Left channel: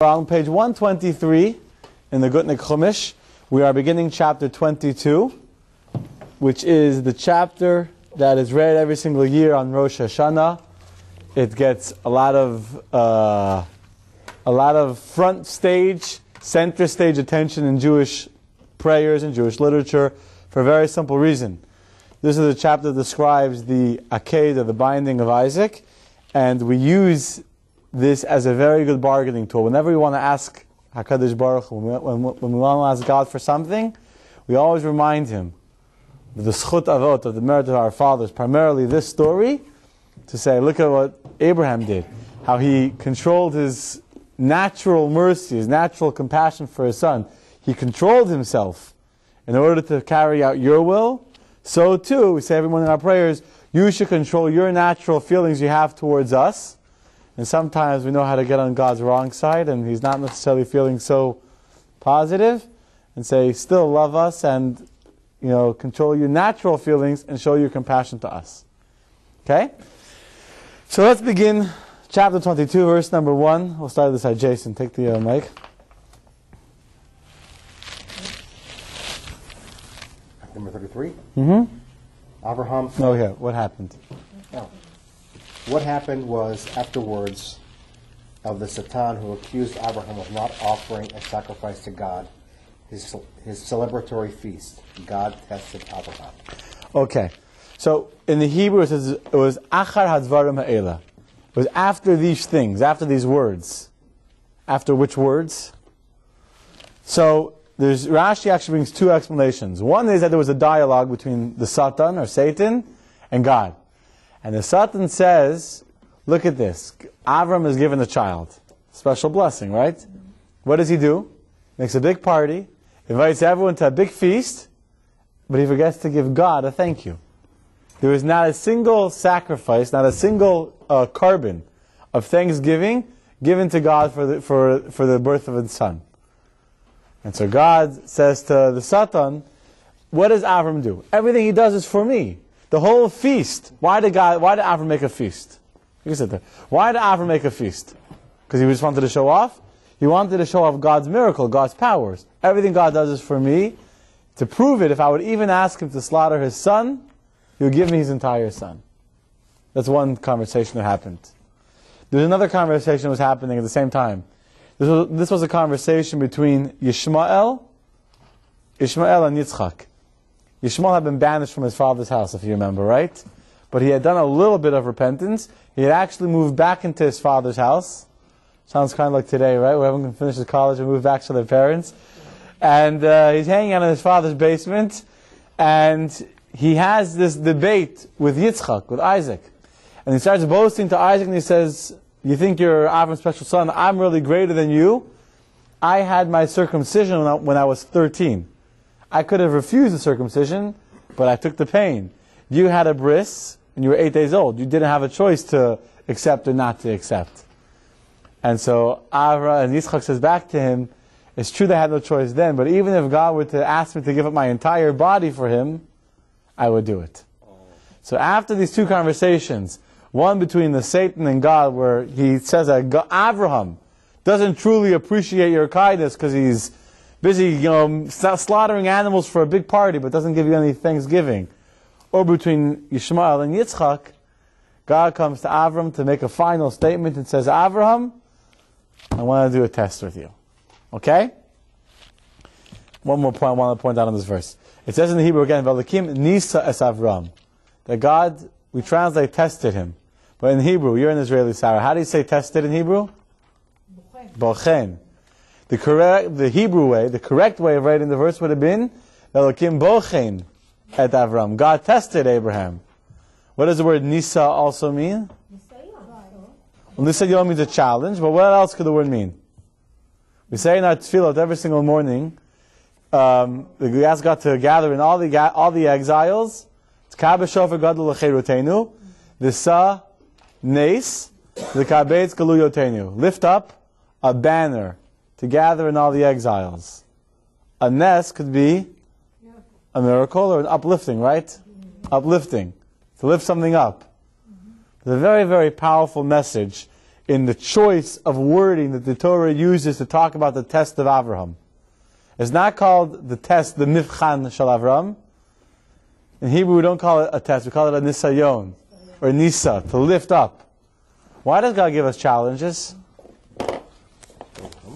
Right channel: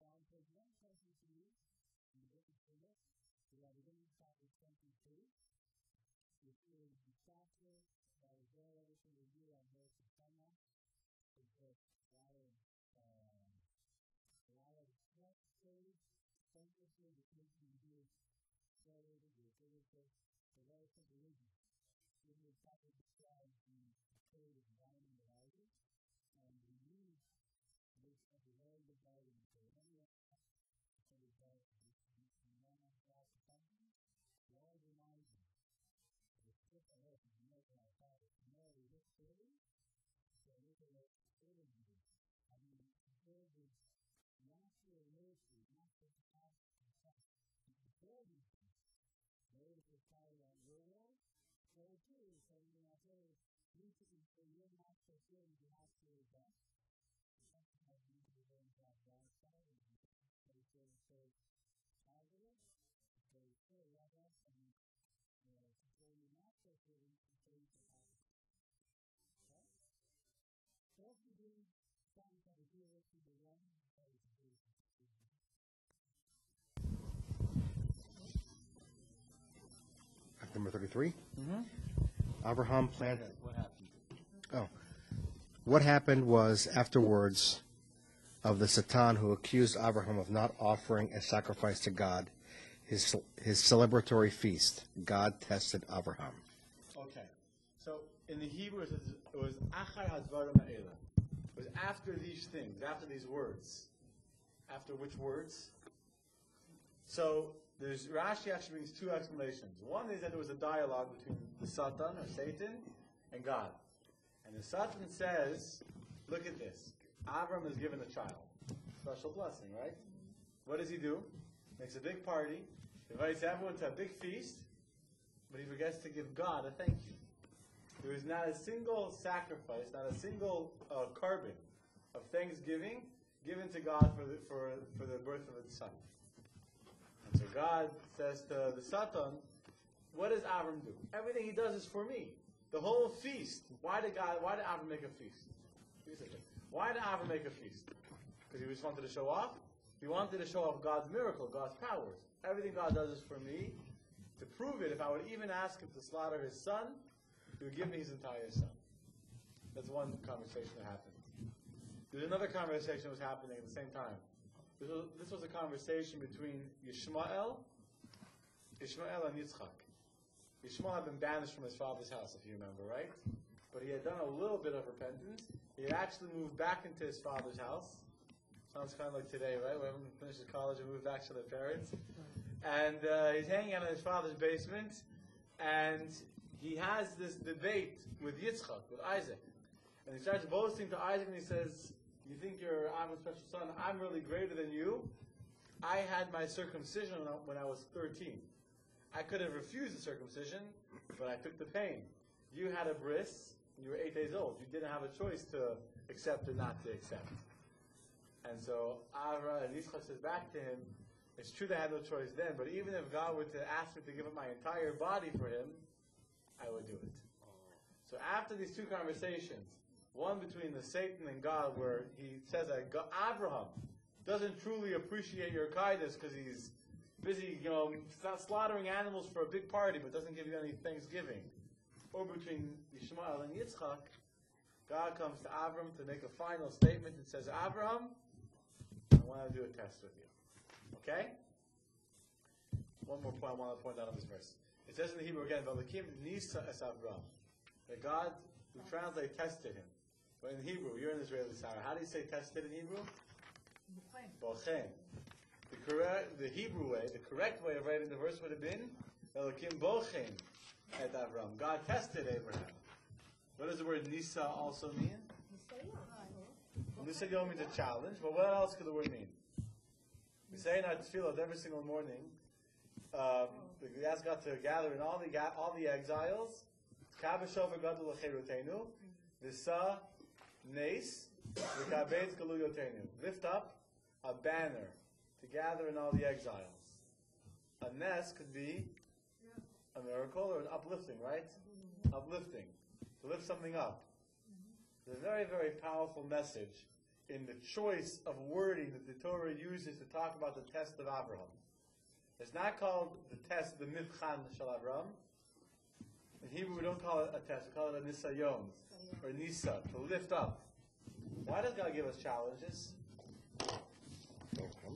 On page 123 in the Gutnik Chumash, we are beginning chapter 22, which is the chapter that is read every single year on Rosh Hashanah. It gets a lot of front stage, center stage attention in Jewish prayers and Jewish literature for a very simple reason. This is a chapter that describes the Aked, or the binding of Isaac, and we use this as a very good bargaining tool. Whenever we want to ask HaKadosh Baruch Hu, when we want to ask God for something, we always remind Him of the Schut Avot, of the merit of our fathers, primarily this story, to say, look at what Abraham did, how he controlled his natural mercy, his natural compassion for his son. He controlled himself in order to carry out your will. So too, we say every morning in our prayers, you should control your natural feelings you have towards us. And sometimes we know how to get on God's wrong side, and He's not necessarily feeling so positive, and say, still love us, and control your natural feelings and show your compassion to us. Okay? So let's begin chapter 22, verse number 1. We'll start this side. Jason, take the mic. Number 33? Mm-hmm. Abraham. Oh, yeah. What happened? What happened was, afterwards, of the Satan who accused Abraham of not offering a sacrifice to God, his celebratory feast, God tested Abraham. Okay. So, in the Hebrew it says, it was Achar Hadvarim Ha'ela. It was after these things, after these words. After which words? So, Rashi actually brings two explanations. One is that there was a dialogue between the Satan, or Satan, and God. And the Satan says, look at this. Avram is given a child. Special blessing, right? What does he do? Makes a big party, invites everyone to a big feast, but he forgets to give God a thank you. There is not a single sacrifice, not a single carbon of thanksgiving given to God for the birth of his son. And so God says to the Satan, what does Avram do? Everything he does is for me. The whole feast. Why did Avram make a feast? You can sit there. Why did Avram make a feast? Because he just wanted to show off? He wanted to show off God's miracle, God's powers. Everything God does is for me. To prove it, if I would even ask him to slaughter his son, he would give me his entire son. That's one conversation that happened. There's another conversation that was happening at the same time. This was a conversation between Ishmael and Yitzchak. Yishmael had been banished from his father's house, if you remember, right? But he had done a little bit of repentance. He had actually moved back into his father's house. Sounds kind of like today, right? We haven't finished his college and moved back to their parents. And he's hanging out in his father's basement. And he has this debate with Yitzchak, with Isaac. And he starts boasting to Isaac and he says, you think you're Avram's special son? I'm really greater than you. I had my circumcision when I was 13. I could have refused the circumcision, but I took the pain. You had a bris, and you were 8 days old. You didn't have a choice to accept or not to accept. And so Avram and Yitzchak says back to him, it's true they had no choice then, but even if God were to ask me to give up my entire body for him, I would do it. So after these two conversations, one between the Satan and God, where he says that Abraham doesn't truly appreciate your kindness because he's busy, slaughtering animals for a big party, but doesn't give you any thanksgiving. Or between Ishmael and Yitzchak, God comes to Avram to make a final statement and says, Avram, I want to do a test with you. Okay? One more point I want to point out on this verse. It says in the Hebrew again, V'alakim nisa es Avram. That God, we translate tested him. But in Hebrew, you're an Israeli Sarah. How do you say tested in Hebrew? Bochen. The Hebrew way, the correct way of writing the verse would have been, Elokim bochen et Avram. God tested Abraham. What does the word Nisa also mean? Well, Nisayom means a challenge, but what else could the word mean? We say in our tefillot every single morning, we ask God to gather in all the exiles. It's Kabe Shofar Gadol L'Cherutenu, V'sa Nes, L'Kabetz Galuyotenu. Lift up a banner to gather in all the exiles. A nes could be a miracle or an uplifting, right? Uplifting. To lift something up. It's a very, very powerful message in the choice of wording that the Torah uses to talk about the test of Avraham. It's not called the test, the Mivchan Shel Avram. In Hebrew, we don't call it a test. We call it a Nisayon, or Nisa, to lift up. Why does God give us challenges?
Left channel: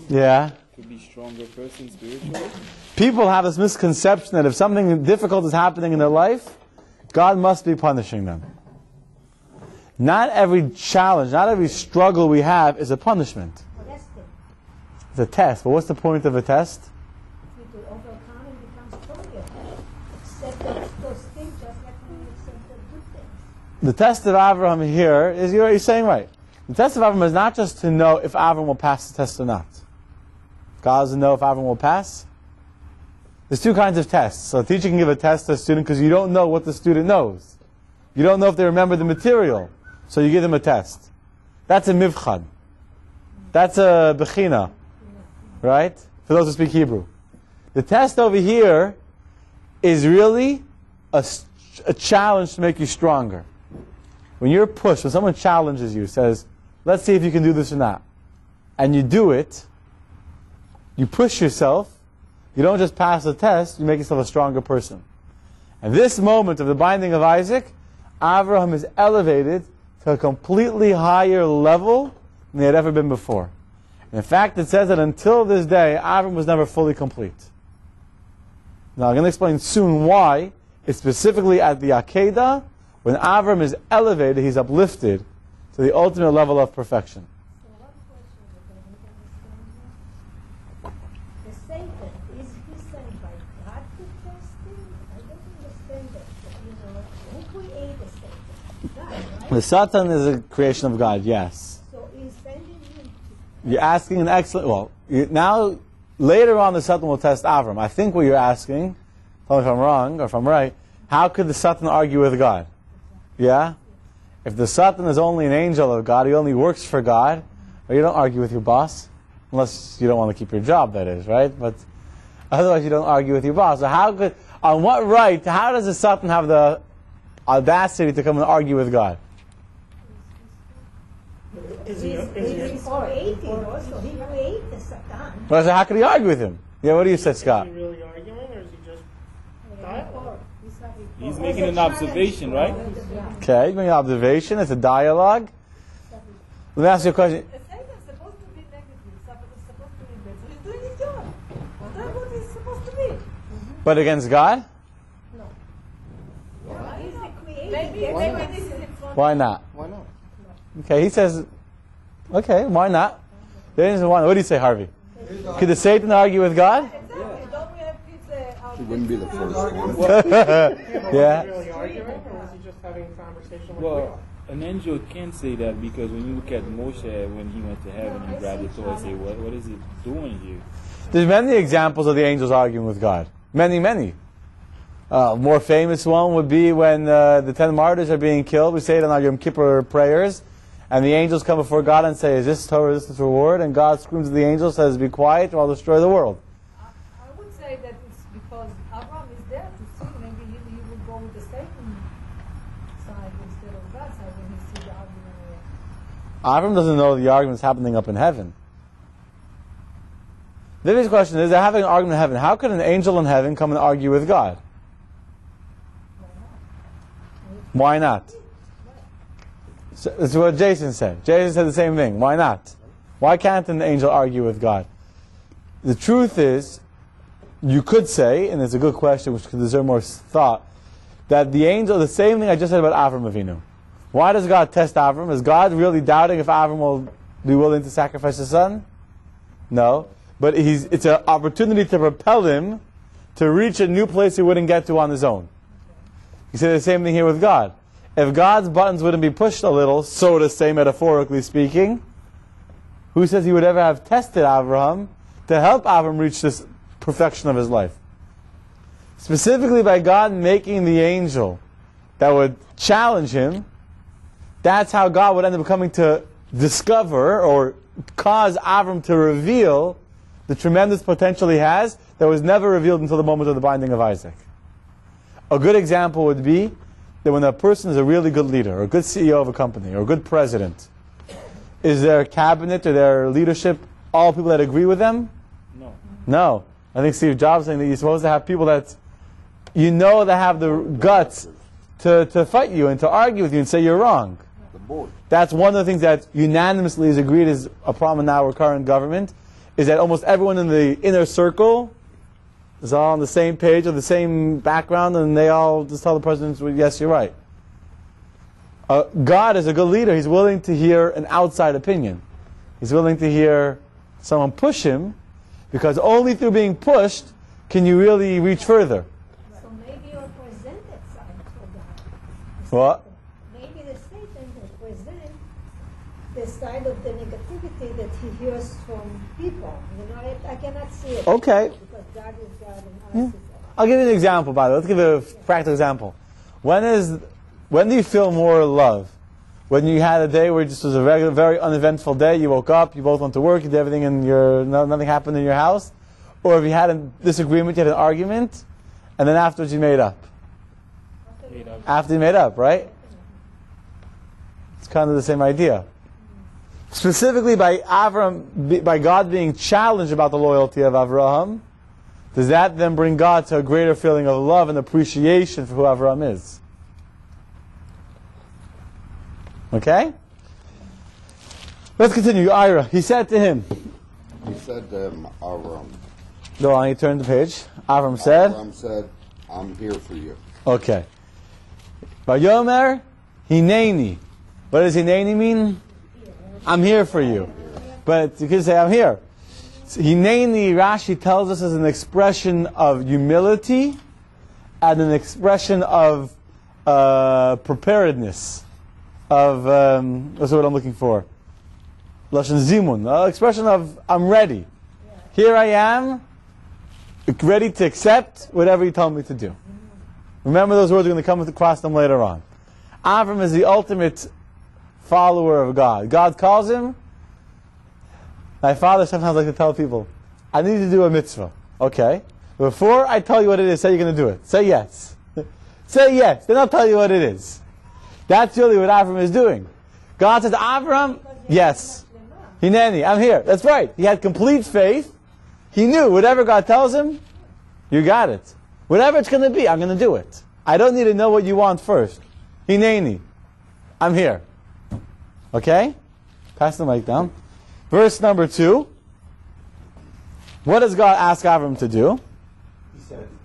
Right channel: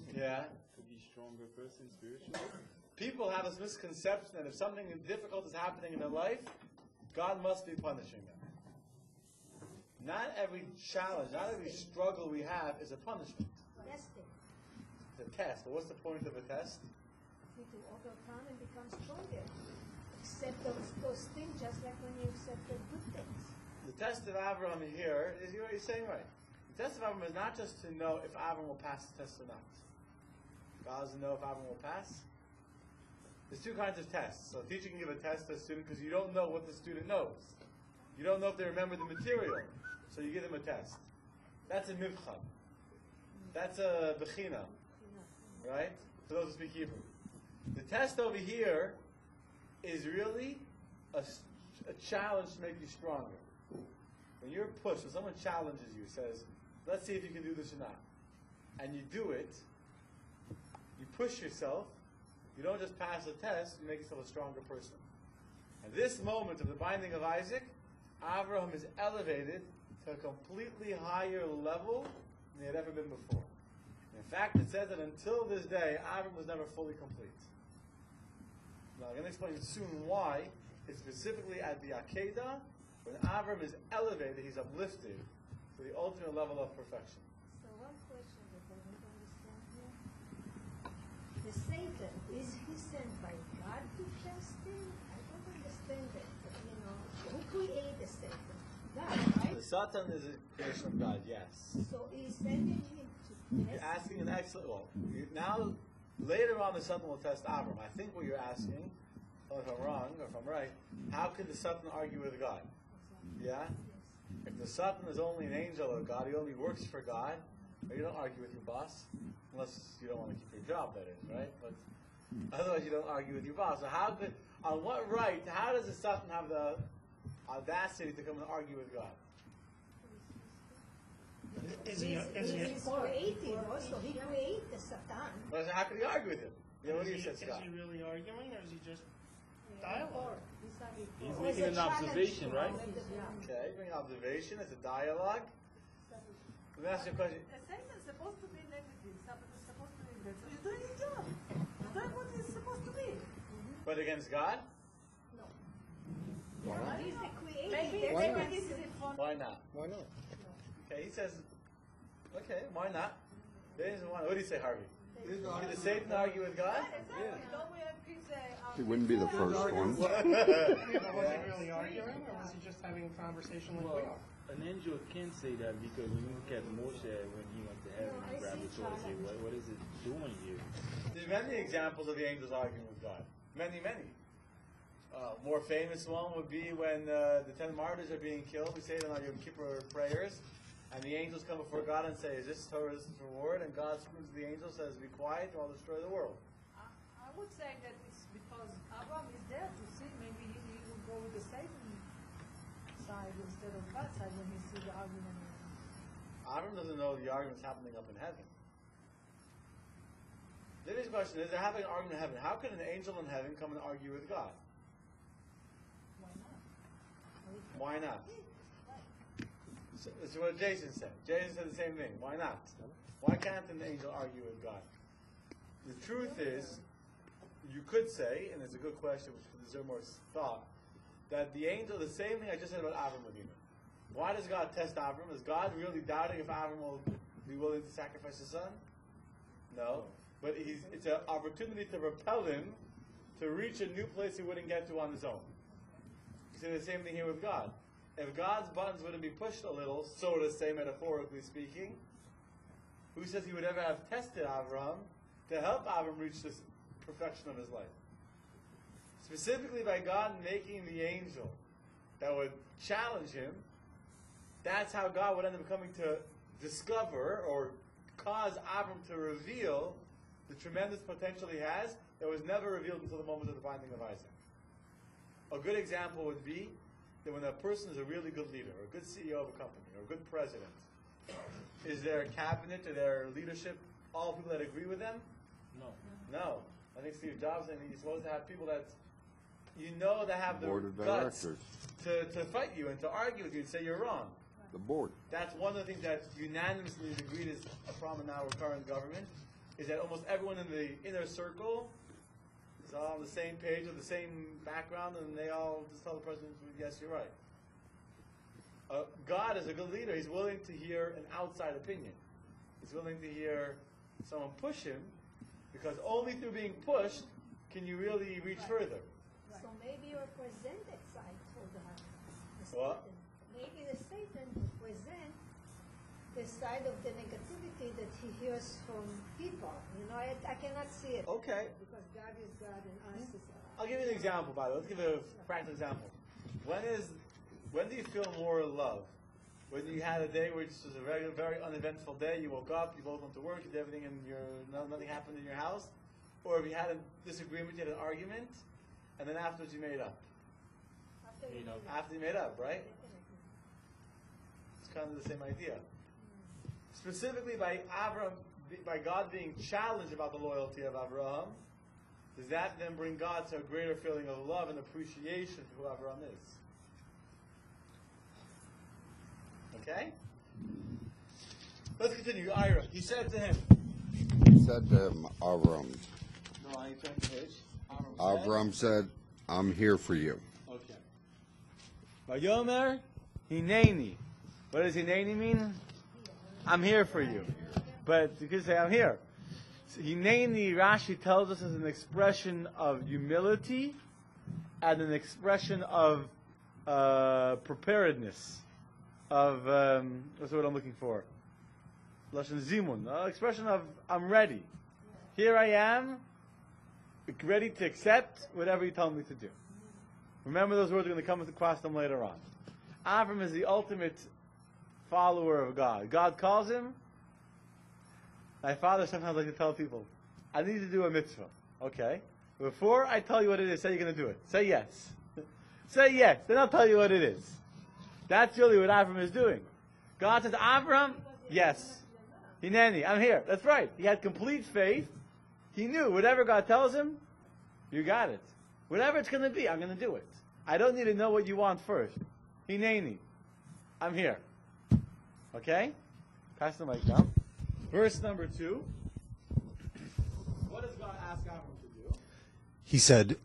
Yeah. To be stronger person spiritually. People have this misconception that if something difficult is happening in their life, God must be punishing them. Not every challenge, not every struggle we have is a punishment. It's a test. But what's the point of a test? To overcome and become stronger. Accept those things just like when you accept the good things. The test of Avraham here is, you're saying right. The test of Avraham is not just to know if Avraham will pass the test or not. God doesn't know if Avraham will pass. There's two kinds of tests. So a teacher can give a test to a student because you don't know what the student knows. You don't know if they remember the material. So you give them a test. That's a mivchan. That's a bechina. Right? For those who speak Hebrew. The test over here is really a challenge to make you stronger. When you're pushed, when someone challenges you, says, let's see if you can do this or not, and you do it, you push yourself, you don't just pass the test, you make yourself a stronger person. And this moment of the binding of Isaac, Avraham is elevated to a completely higher level than he had ever been before. And in fact, it says that until this day, Avraham was never fully complete. Now, I'm going to explain soon why. It's specifically at the Akedah, when Avraham is elevated, he's uplifted to the ultimate level of perfection. So one question that I don't understand here. The Satan, is he sent by God to test him? I don't understand that. Who created the Satan? God, right? The Satan is a creation of God, yes. So he's sending him You're asking an excellent... Well, now, later on, the Satan will test Avram. I think what you're asking, tell me if I'm wrong or if I'm right, how could the Satan argue with God? Yeah? If the Satan is only an angel of God, he only works for God, well, you don't argue with your boss, unless you don't want to keep your job, that is, right? But otherwise, you don't argue with your boss. So how could... On what right, how does the Satan have the audacity to come and argue with God? He's creating also. He created the Satan. Well, so how could he argue with him? Yeah, what do you say, Scott? Is he really arguing, or is he just dialogue? He's making an observation, right? Okay, you make an observation. It's a dialogue. Let me ask you a question. A Satan is supposed to be negative, Satan is supposed to be bad. So he's doing his job. That's what he's supposed to be. But against God? He's the creator. Maybe this is in front. Why not? Why not? Okay, he says, okay, why not? What do you say, Harvey? Could the Satan argue with God? Exactly. Don't we have kids It wouldn't be the first one. Yeah. Really arguing, or was he just having a conversation with Well, an angel can say that because when you look at Moshe when he went to heaven and grabbed the Torah and say, what is it doing here? There's many examples of the angels arguing with God. Many, many. More famous one would be when the 10 martyrs are being killed. We say it in our Yom Kippur prayers. And the angels come before God and say, is this Torah, is this reward? And God screams at the angels, says, be quiet or I'll destroy the world. I would say that it's because Abraham is there to see. Maybe he would go with the Satan side instead of God's side when he sees the argument. Avram doesn't know the argument's happening up in heaven. The next question is, they're having an argument in heaven. How could an angel in heaven come and argue with God? Why not? So, that's what Jason said. Jason said the same thing. Why not? Why can't an angel argue with God? The truth is, you could say, and it's a good question which could deserve more thought, that the angel, the same thing I just said about Avram Avinu. Why does God test Avram? Is God really doubting if Avram will be willing to sacrifice his son? No. But it's an opportunity to propel him to reach a new place he wouldn't get to on his own. You say the same thing here with God. If God's buttons wouldn't be pushed a little, so to say, metaphorically speaking, who says he would ever have tested Abraham to help Abraham reach this perfection of his life? Specifically by God making the angel that would challenge him, that's how God would end up coming to discover or cause Abraham to reveal the tremendous potential he has that was never revealed until the moment of the binding of Isaac. A good example would be that when a person is a really good leader, or a good CEO of a company, or a good president, is their cabinet or their leadership all people that agree with them? No. No. I think Steve Jobs saying that you're supposed to have people that that have the guts to fight you and to argue with you and say you're wrong. The board. That's one of the things that unanimously is agreed is a problem in our current government, is that almost everyone in the inner circle is all on the same page or the same background, and they all just tell the president, well, yes, you're right. God is a good leader. He's willing to hear an outside opinion. He's willing to hear someone push him, because only through being pushed can you really reach further. So maybe you present that side for God. What? Maybe the Satan will present the side of the negativity that he hears from people. You know, I cannot see it. Okay. Because God is God and us is I'll give you an example, by the way. Let's give you a practical example. When do you feel more love? When you had a day where it just was a very uneventful day, you woke up, you both went to work, you did everything, and nothing happened in your house? Or if you had a disagreement, you had an argument, and then afterwards you made up? After you made up, right? It's kind of the same idea. Specifically by God being challenged about the loyalty of Avraham, does that then bring God to a greater feeling of love and appreciation for who Avraham is? Okay? Let's continue. Ira, he said to him. He said to him, Avram. Go on, he turned the page. Avram said. Avram said, I'm here for you. Okay. Vayomer, hineni. What does hineni mean? I'm here for you. But you can say, I'm here. So, hineni, Rashi tells us, is an expression of humility and an expression of preparedness. Of what's the word I'm looking for? Lashon zimun, expression of I'm ready. Here I am, ready to accept whatever you tell me to do. Remember, those words are going to come across them later on. Avram is the ultimate follower of God. God calls him. My father sometimes likes to tell people, I need to do a mitzvah. Okay. Before I tell you what it is, say you're going to do it. Say yes. Say yes. Then I'll tell you what it is. That's really what Avram is doing. God says, Avram, yes. Hineni, I'm here. That's right. He had complete faith. He knew whatever God tells him, you got it. Whatever it's going to be, I'm going to do it. I don't need to know what you want first. Hineni, I'm here. Okay? Pass the mic down. Verse number 2. What does God ask Avram to do? He said,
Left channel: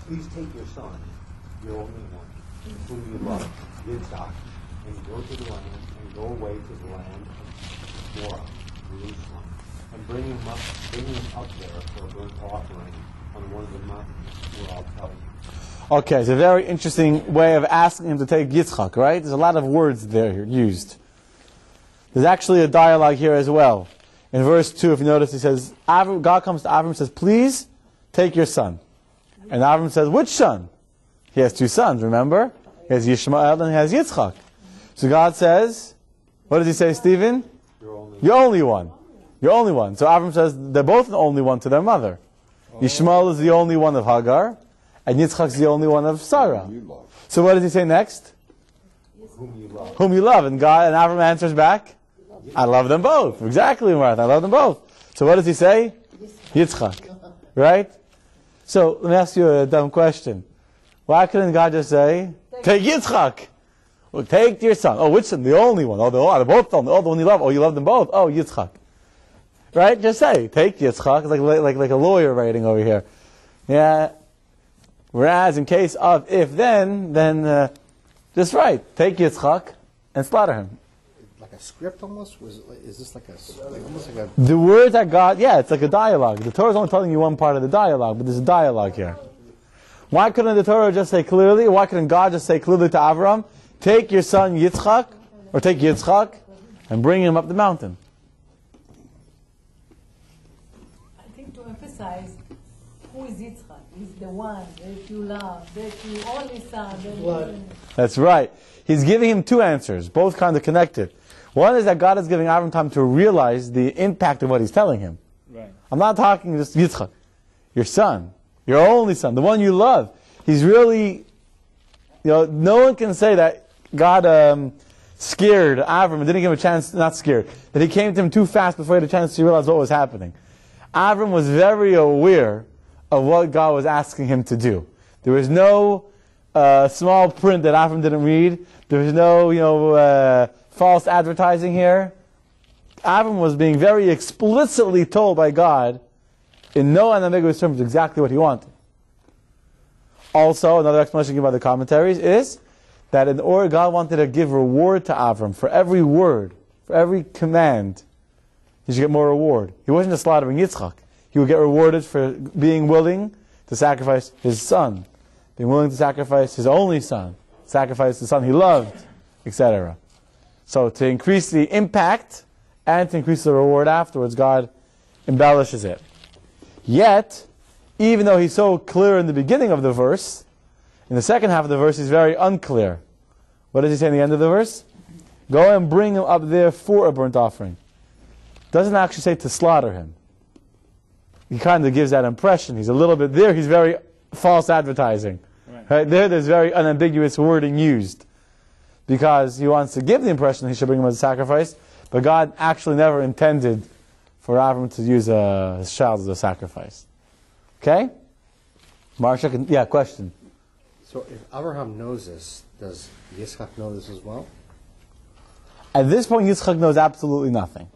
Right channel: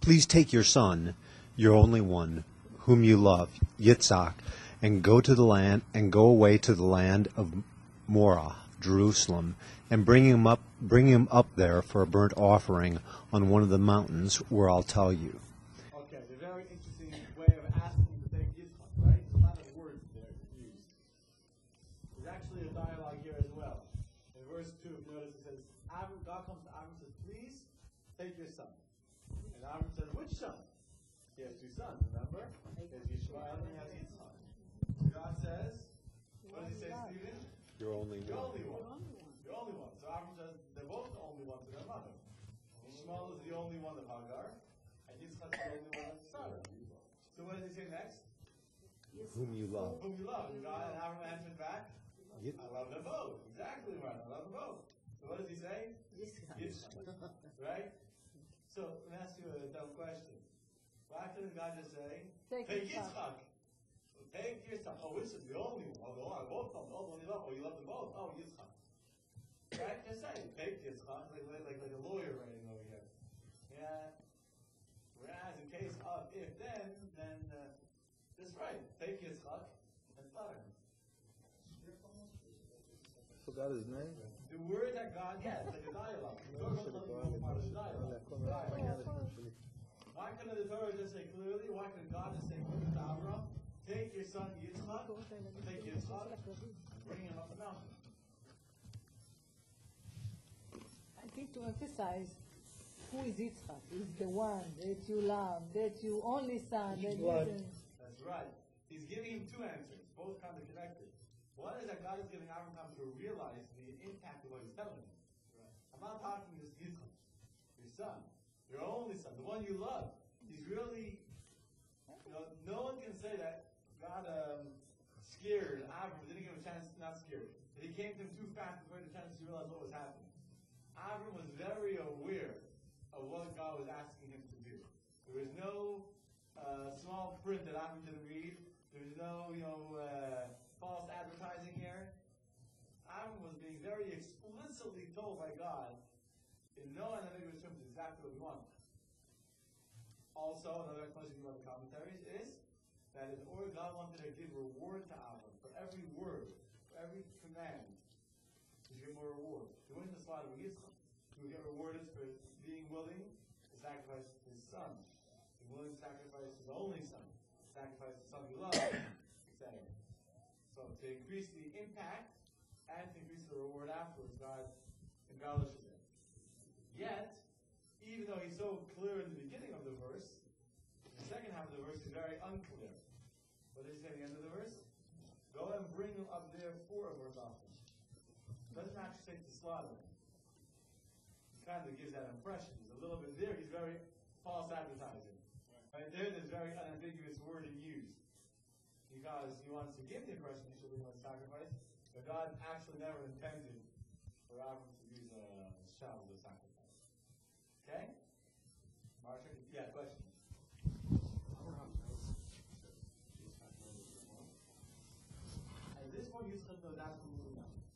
please take your son, your only one, whom you love, Yitzhak, and go away to the land of Morah, Jerusalem, and bring him up there for a burnt offering on one of the mountains where I'll tell you. Okay, it's a very interesting way of asking him to take Yitzchak, right? There's a lot of words there used. There's actually a dialogue here as well. In verse 2, if you notice, he says, God comes to Avram and says, please take your son. And Avram says, which son? He has 2 sons, remember? He has Yishmael and he has Yitzchak. So God says, what does he say, Stephen? You're only one. You're only one. So Avram says they're both the only one to their mother. Yishmael is the only one of Hagar, and Yitzchak is the only one of Sarah. So what does he say next? Whom you love. Whom you love. And Avram answers back, I love them both. Exactly, Martha. I love them both. So what does he say? Yitzchak. Right? So let me ask you a dumb question. Why couldn't God just say, take Yitzchak? Well, take your son. Oh, which son? The only one. Oh, they're both the one you love. Oh, you love them both. Oh, Yitzchak. Right? Just say, take Yitzchak. It's like a lawyer writing over here. Yeah. Whereas in case of if-then, just right. Take Yitzchak and slaughter him. Like a script almost? Is this like almost like a... The words that God, it's like a dialogue. The Torah is only telling you one part of the dialogue, but there's a dialogue here. Why couldn't the Torah just say clearly, why couldn't God just say clearly to Avram, take your son Yitzchak, or take Yitzchak, and bring him up the mountain? I think to emphasize who is Yitzchak. He's the one that you love, that you only son, that you... That's right. He's giving him 2 answers, both kind of connected. One is that God is giving Avram time to realize the impact of what he's telling him. Right. I'm not talking just Yitzchak, your son, your only son, the one you love. He's really, no one can say that God scared Avram and didn't give him a chance, not scared, that he came to him too fast before he had a chance to realize what was happening. Avram was very aware of what God was asking him to do. There was no small print that Avram didn't read. There was no, false advertising here. Avram was being very explicitly told by God, in no unambiguous terms, exactly what he wanted. Also, another explanation given by the commentaries is that in order God wanted to give reward to Avram for every word, for every command, he should get more reward. He wasn't just slaughtering Yitzchak. He would get rewarded for being willing to sacrifice his son, being willing to sacrifice his only son, sacrifice the son he loved, etc. So to increase the impact and to increase the reward afterwards, God embellishes it. Yet, even though he's so clear in the beginning of the verse, in the second half of the verse he's very unclear. What does he say in the end of the verse? Go and bring him up there for a burnt offering. Doesn't actually say to slaughter him. He kind of gives that impression. He's a little bit there. He's very false advertising. Right? There's very unambiguous wording used. Because he wants to give the impression he should bring him as a sacrifice, but God actually never intended for Avram to use his child as a sacrifice. Okay? Marsha, yeah, question. So if Abraham knows this, does Yitzchak know this as well? At this point, Yitzchak knows absolutely nothing.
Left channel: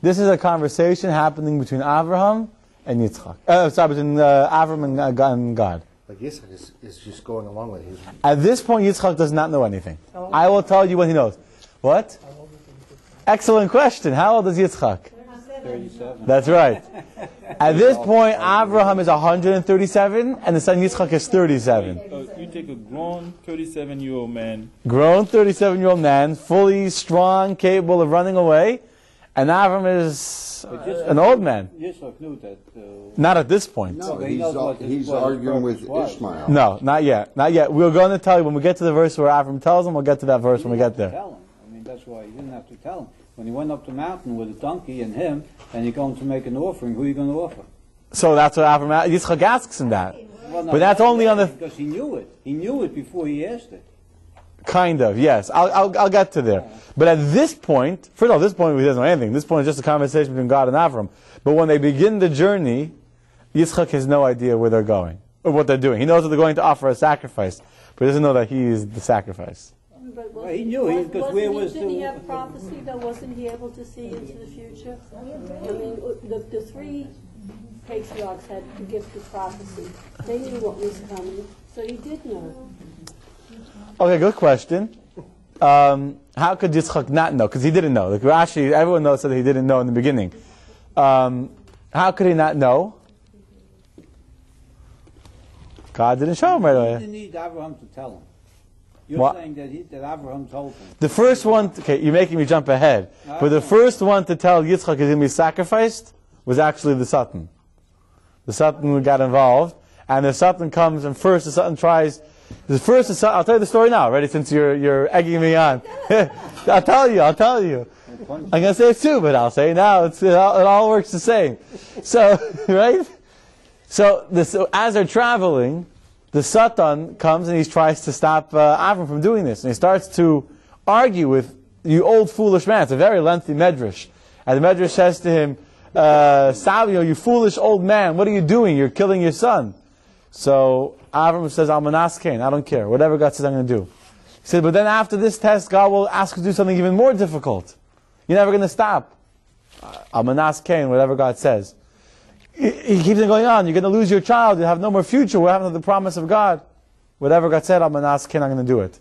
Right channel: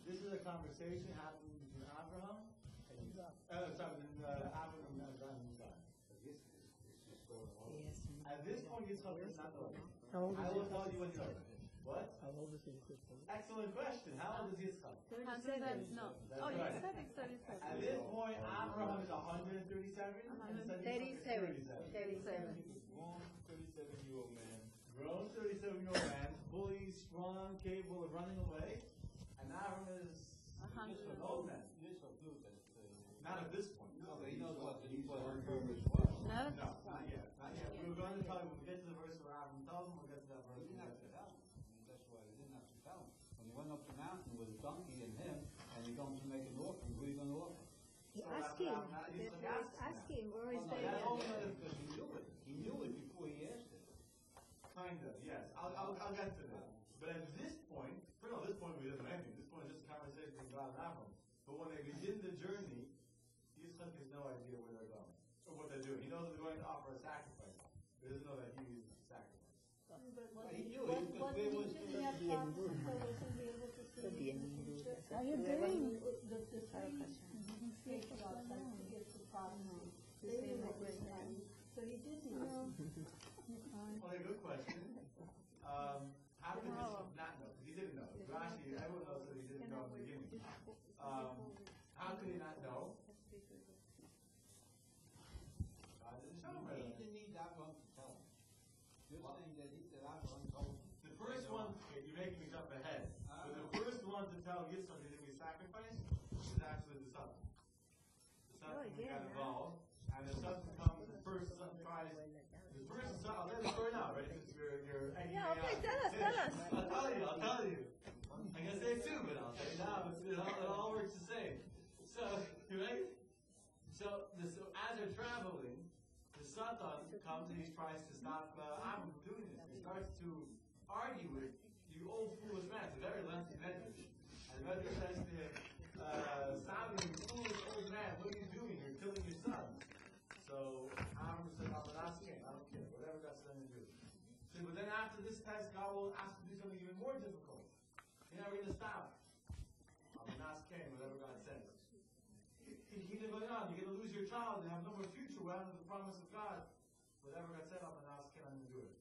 This is a conversation happening between Abraham and Yitzchak. Between Avram and God. But Yitzchak is just going along with it. At this point, Yitzchak does not know anything. I will tell you when he knows. What? Excellent question. How old is Yitzchak? 37. That's right. At this point, Abraham is 137, and the son Yitzchak is 37. You take a grown 37-year-old man. Grown 37-year-old man, fully strong, capable of running away, and Abraham is an old man. Yitzchak knew that. Not at this point. No, he knows what his- he's what his arguing with purpose was. Ishmael. No, not yet. Not yet. We're going to tell you when we get to the verse where Abraham tells him. We'll get to that verse when we get there. Tell him. I mean, that's why he didn't have to tell him. When he went up the mountain with a donkey and him, and you're going to make an offering, who are you going to offer? So that's what Abraham, Yitzchak asks him that. Well, no, But that's only on the... because he knew it. He knew it before he asked it. Kind of, yes. I'll get to there. But at this point, first of all, this point he doesn't know anything. This point is just a conversation between God and Avram. But when they begin the journey, Yitzchak has no idea where they're going, or what they're doing. He knows that they're going to offer a sacrifice, but he doesn't know that he is the sacrifice. But Well, he knew, because where was didn't he the... have prophecy, though? Wasn't he able to see into the future? I mean, the three patriarchs had the gift of prophecy. They knew what was coming, so he did know. Okay, good question. How could Yitzchak not know? Because he didn't know. Like Rashi, everyone knows that he didn't know in the beginning. How could he not know? God didn't show him right He away. didn't need Abraham to tell him. You're What? saying that Abraham told him. The first one, okay, you're making me jump ahead. But the first one to tell Yitzchak is going to be sacrificed was actually the Satan. The Satan got involved, and the Satan comes, and first the Satan tries. I'll tell you the story now, ready? Since you're egging me on, I'll tell you. I'm going to say it too, but I'll say it now. It all works the same. So, right? So as they're traveling, the Satan comes and he tries to stop Avram from doing this, and he starts to argue with you, old foolish man. It's a very lengthy medrash, and the medrash says to him, "You foolish old man, what are you doing? You're killing your son." So Avram says, "I'm an askein. I don't care. Whatever God says, I'm going to do." He said, "But then after this test, God will ask you to do something even more difficult. You're never going to stop. I'm an askein. Whatever God says." He keeps on going on. You're going to lose your child. You have no more future. What happened to the promise of God? Whatever God said, I'm an askein. I'm going to do it.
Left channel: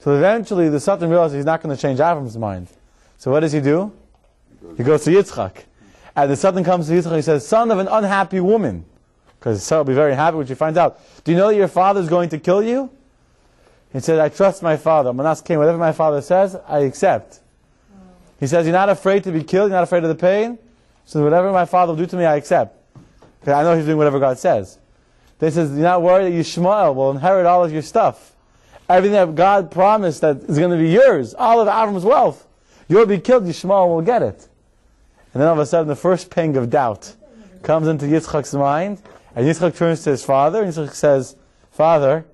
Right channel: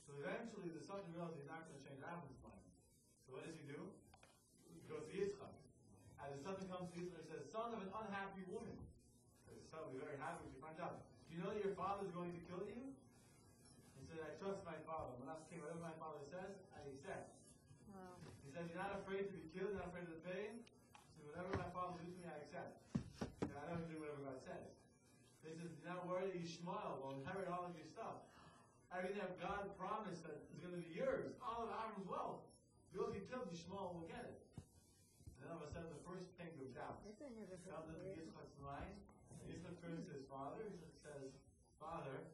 So eventually, the Satan realizes he's not going to change Avram's mind. So what does he do? He goes to Yitzchak. And the Satan comes to Yitzchak and he says, "Son of an unhappy woman." Because Sarah will be very happy when she finds out. "Do you know that your father is going to kill you?" He said, "I trust my father. I'm an askein. Whatever my father says, I accept." He says, "You're not afraid to be killed. You're not afraid of the pain. So whatever my father will do to me, I accept. Because I know he's doing whatever God says." Then he says, "You're not worried that Yishmael will inherit all of your stuff. Everything that God promised that is going to be yours, all of Avram's wealth. You'll be killed, Yishmael will get it." And then all of a sudden, the first pang of doubt comes into Yitzchak's mind, and Yitzchak turns to his father, and Yitzchak says, "Father,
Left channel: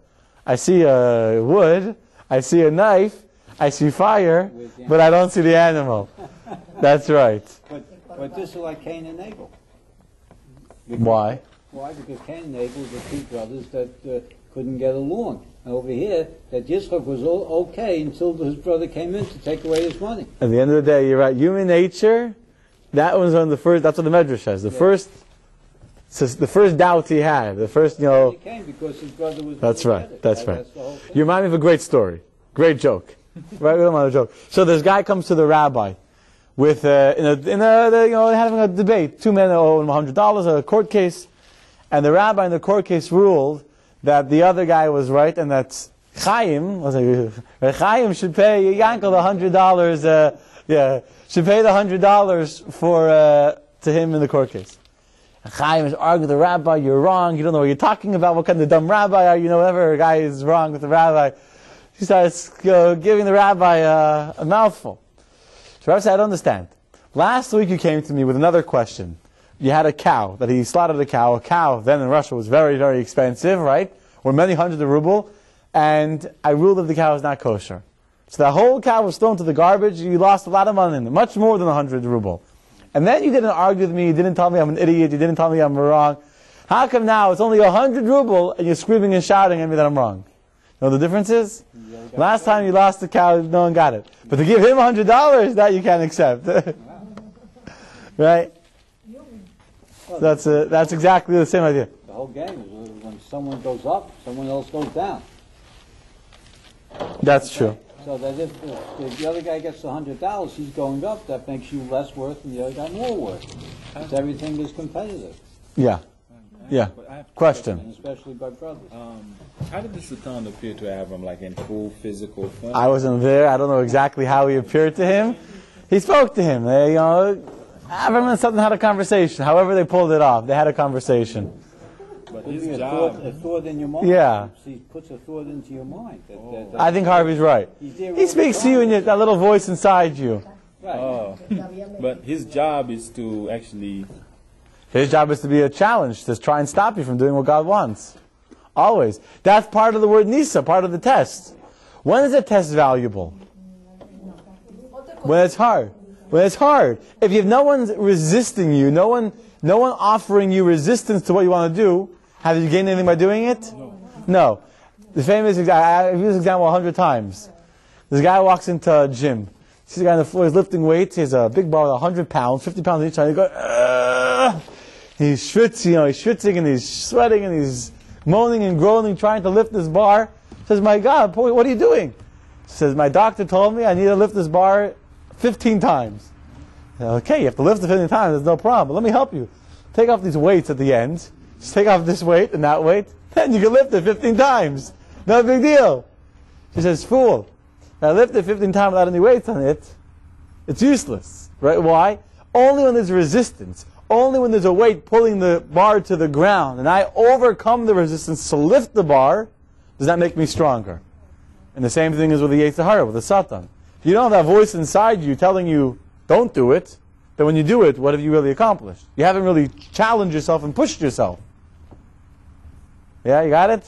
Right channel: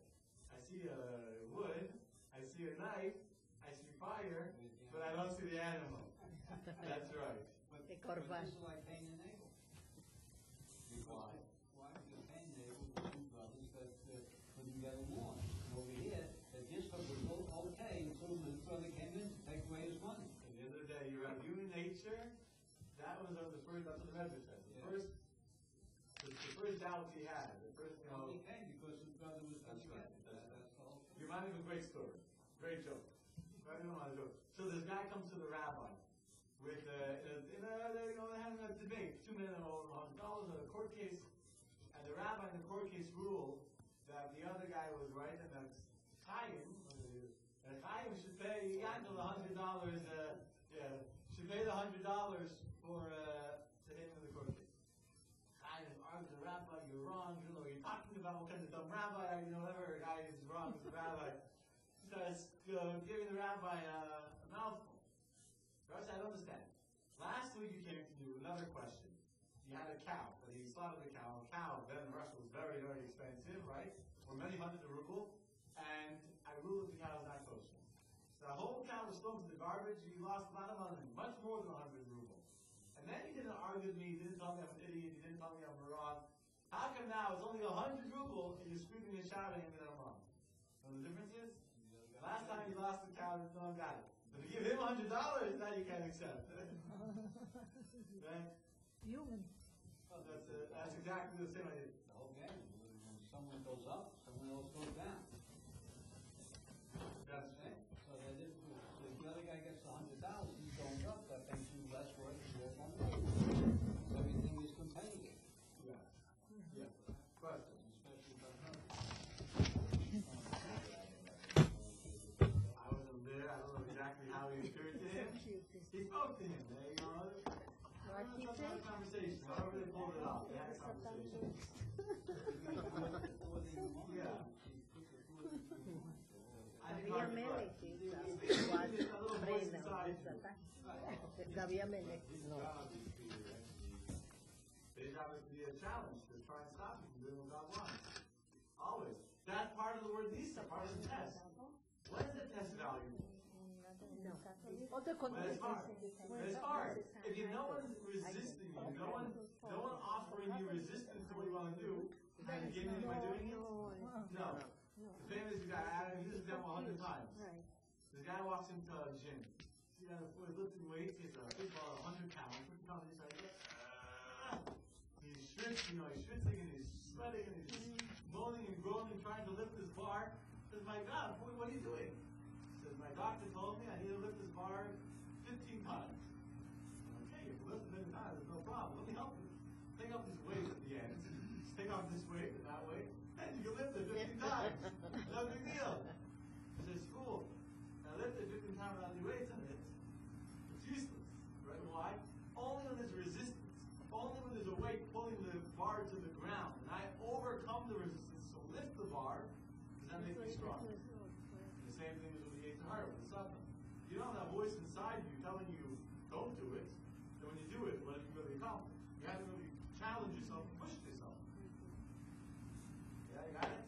I see a wood, I see a knife, I see fire, but I don't see the animal. That's right. But this is like Cain and Abel. Why? Why? Because Cain and Abel were two brothers that couldn't get along. And over here, that Yitzchak was okay until his brother came in to take away his money. At the end of the day, you're right. Human nature, that was one of the first, that's what the Medrash says. The first doubt he had, the first, He came because his brother was. That's right. That's right. That's the whole thing. You remind me of a great story. Great joke. Right? We don't want a joke. So this guy comes to the rabbi with, having a debate. Two men owe him $100, a court case. And the rabbi in the court case ruled that the other guy was right and that Chaim should pay Yankie the $100, should pay the $100 to him in the court case. And Chaim is arguing with the rabbi, you're wrong, you don't know what you're talking about, what kind of dumb rabbi are you, whatever guy is wrong with the rabbi. He starts giving the rabbi a mouthful. So the rabbi said, I don't understand. Last week you came to me with another question. You had a cow, that he slaughtered a cow. A cow then in Russia was very, very expensive, right? Or many hundreds of ruble. And I ruled that the cow is not kosher. So the whole cow was thrown to the garbage. You lost a lot of money in it, much more than 100 ruble. And then you didn't argue with me. You didn't tell me I'm an idiot. You didn't tell me I'm wrong. How come now it's only 100 ruble and you're screaming and shouting at me that I'm wrong? You know what the difference is? Last time you lost the cow, no one got it. But to give him $100, that you can't accept. Right? That's exactly the same idea. The whole game is when someone goes up, someone else goes down. That's true. So that if the other guy gets $100, he's going up. That makes you less worth, and the other guy more worth. Because everything is competitive. Yeah. Yeah. Question. And especially by brothers. How did the Satan appear to Abram, like in full physical form? I wasn't there. I don't know exactly how he appeared to him. He spoke to him. Abram and Satan had a conversation. However they pulled it off, they had a conversation. But his job, a thought in your mind. Yeah. He puts a thought into your mind. I think Harvey's right. He speaks to you in that little voice inside you. Right. Oh. But his job is to actually... His job is to be a challenge, to try and stop you from doing what God wants. Always. That's part of the word Nisa, part of the test. When is a test valuable? When it's hard. When it's hard. If you have no one resisting you, no one offering you resistance to what you want to do, have you gained anything by doing it? No. The famous example, I've used this example 100 times. This guy walks into a gym. Sees a guy on the floor, he's lifting weights, he has a big bar with 100 pounds, 50 pounds each side. He goes, he's schwitzing, he's schwitzing and he's sweating and he's moaning and groaning, trying to lift this bar. He says, my God, boy, what are you doing? He says, my doctor told me I need to lift this bar 15 times. Okay, you have to lift it 15 times, there's no problem. Let me help you. Take off these weights at the end. Just take off this weight and that weight. Then you can lift it 15 times. No big deal. She says, fool. I lift it 15 times without any weights on it. It's useless. Right? Why? Only when there's resistance. Only when there's a weight pulling the bar to the ground and I overcome the resistance to lift the bar, does that make me stronger? And the same thing is with the Yetzer Hara, with the Satan. If you don't have that voice inside you telling you, don't do it, then when you do it, what have you really accomplished? You haven't really challenged yourself and pushed yourself. Yeah, you got it?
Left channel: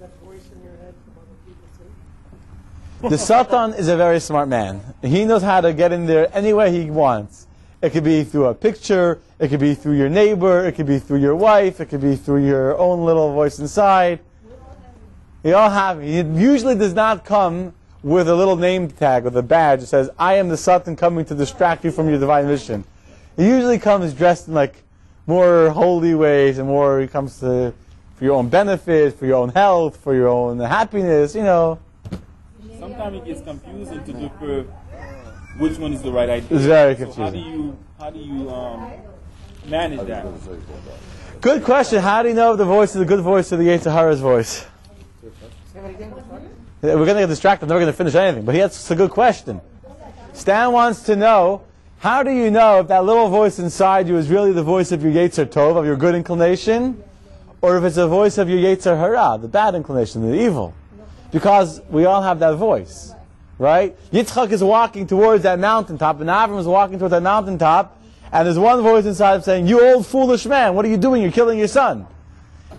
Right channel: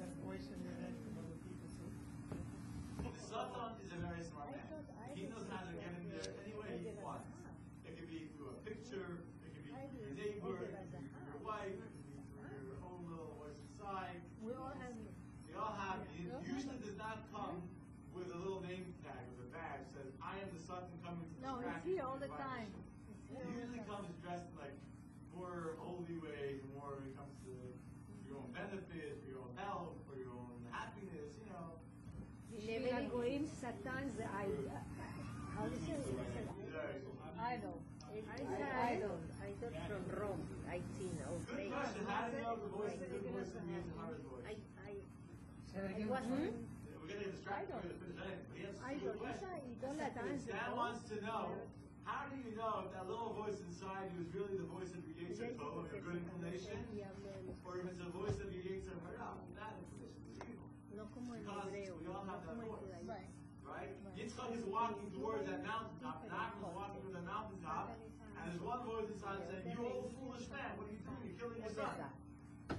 That voice in your head from other people, see? The Satan is a very smart man. He knows how to get in there any way he wants. It could be through a picture, it could be through your neighbor, it could be through your wife, it could be through your own little voice inside. We all have it. It usually does not come with a little name tag with a badge that says, I am the Satan coming to distract you from your divine mission. It usually comes dressed in like more holy ways and more it comes to for your own benefit, for your own health, for your own happiness, Sometimes it gets confusing to differ which one is the right idea. It's very so confusing. how do you manage that? Good question. How do you know if the voice is a good voice or the Yetzer Hara's voice? We're going to get distracted. I'm never going to finish anything. But that's a good question. Stan wants to know, how do you know if that little voice inside you is really the voice of your Yetzer Tov, of your good inclination, or if it's a voice of your Yetzer Hara, the bad inclination, the evil? Because we all have that voice, right? Yitzchak is walking towards that mountaintop, and Avram is walking towards that mountaintop, and there's one voice inside him saying, you old foolish man, what are you doing? You're killing your son.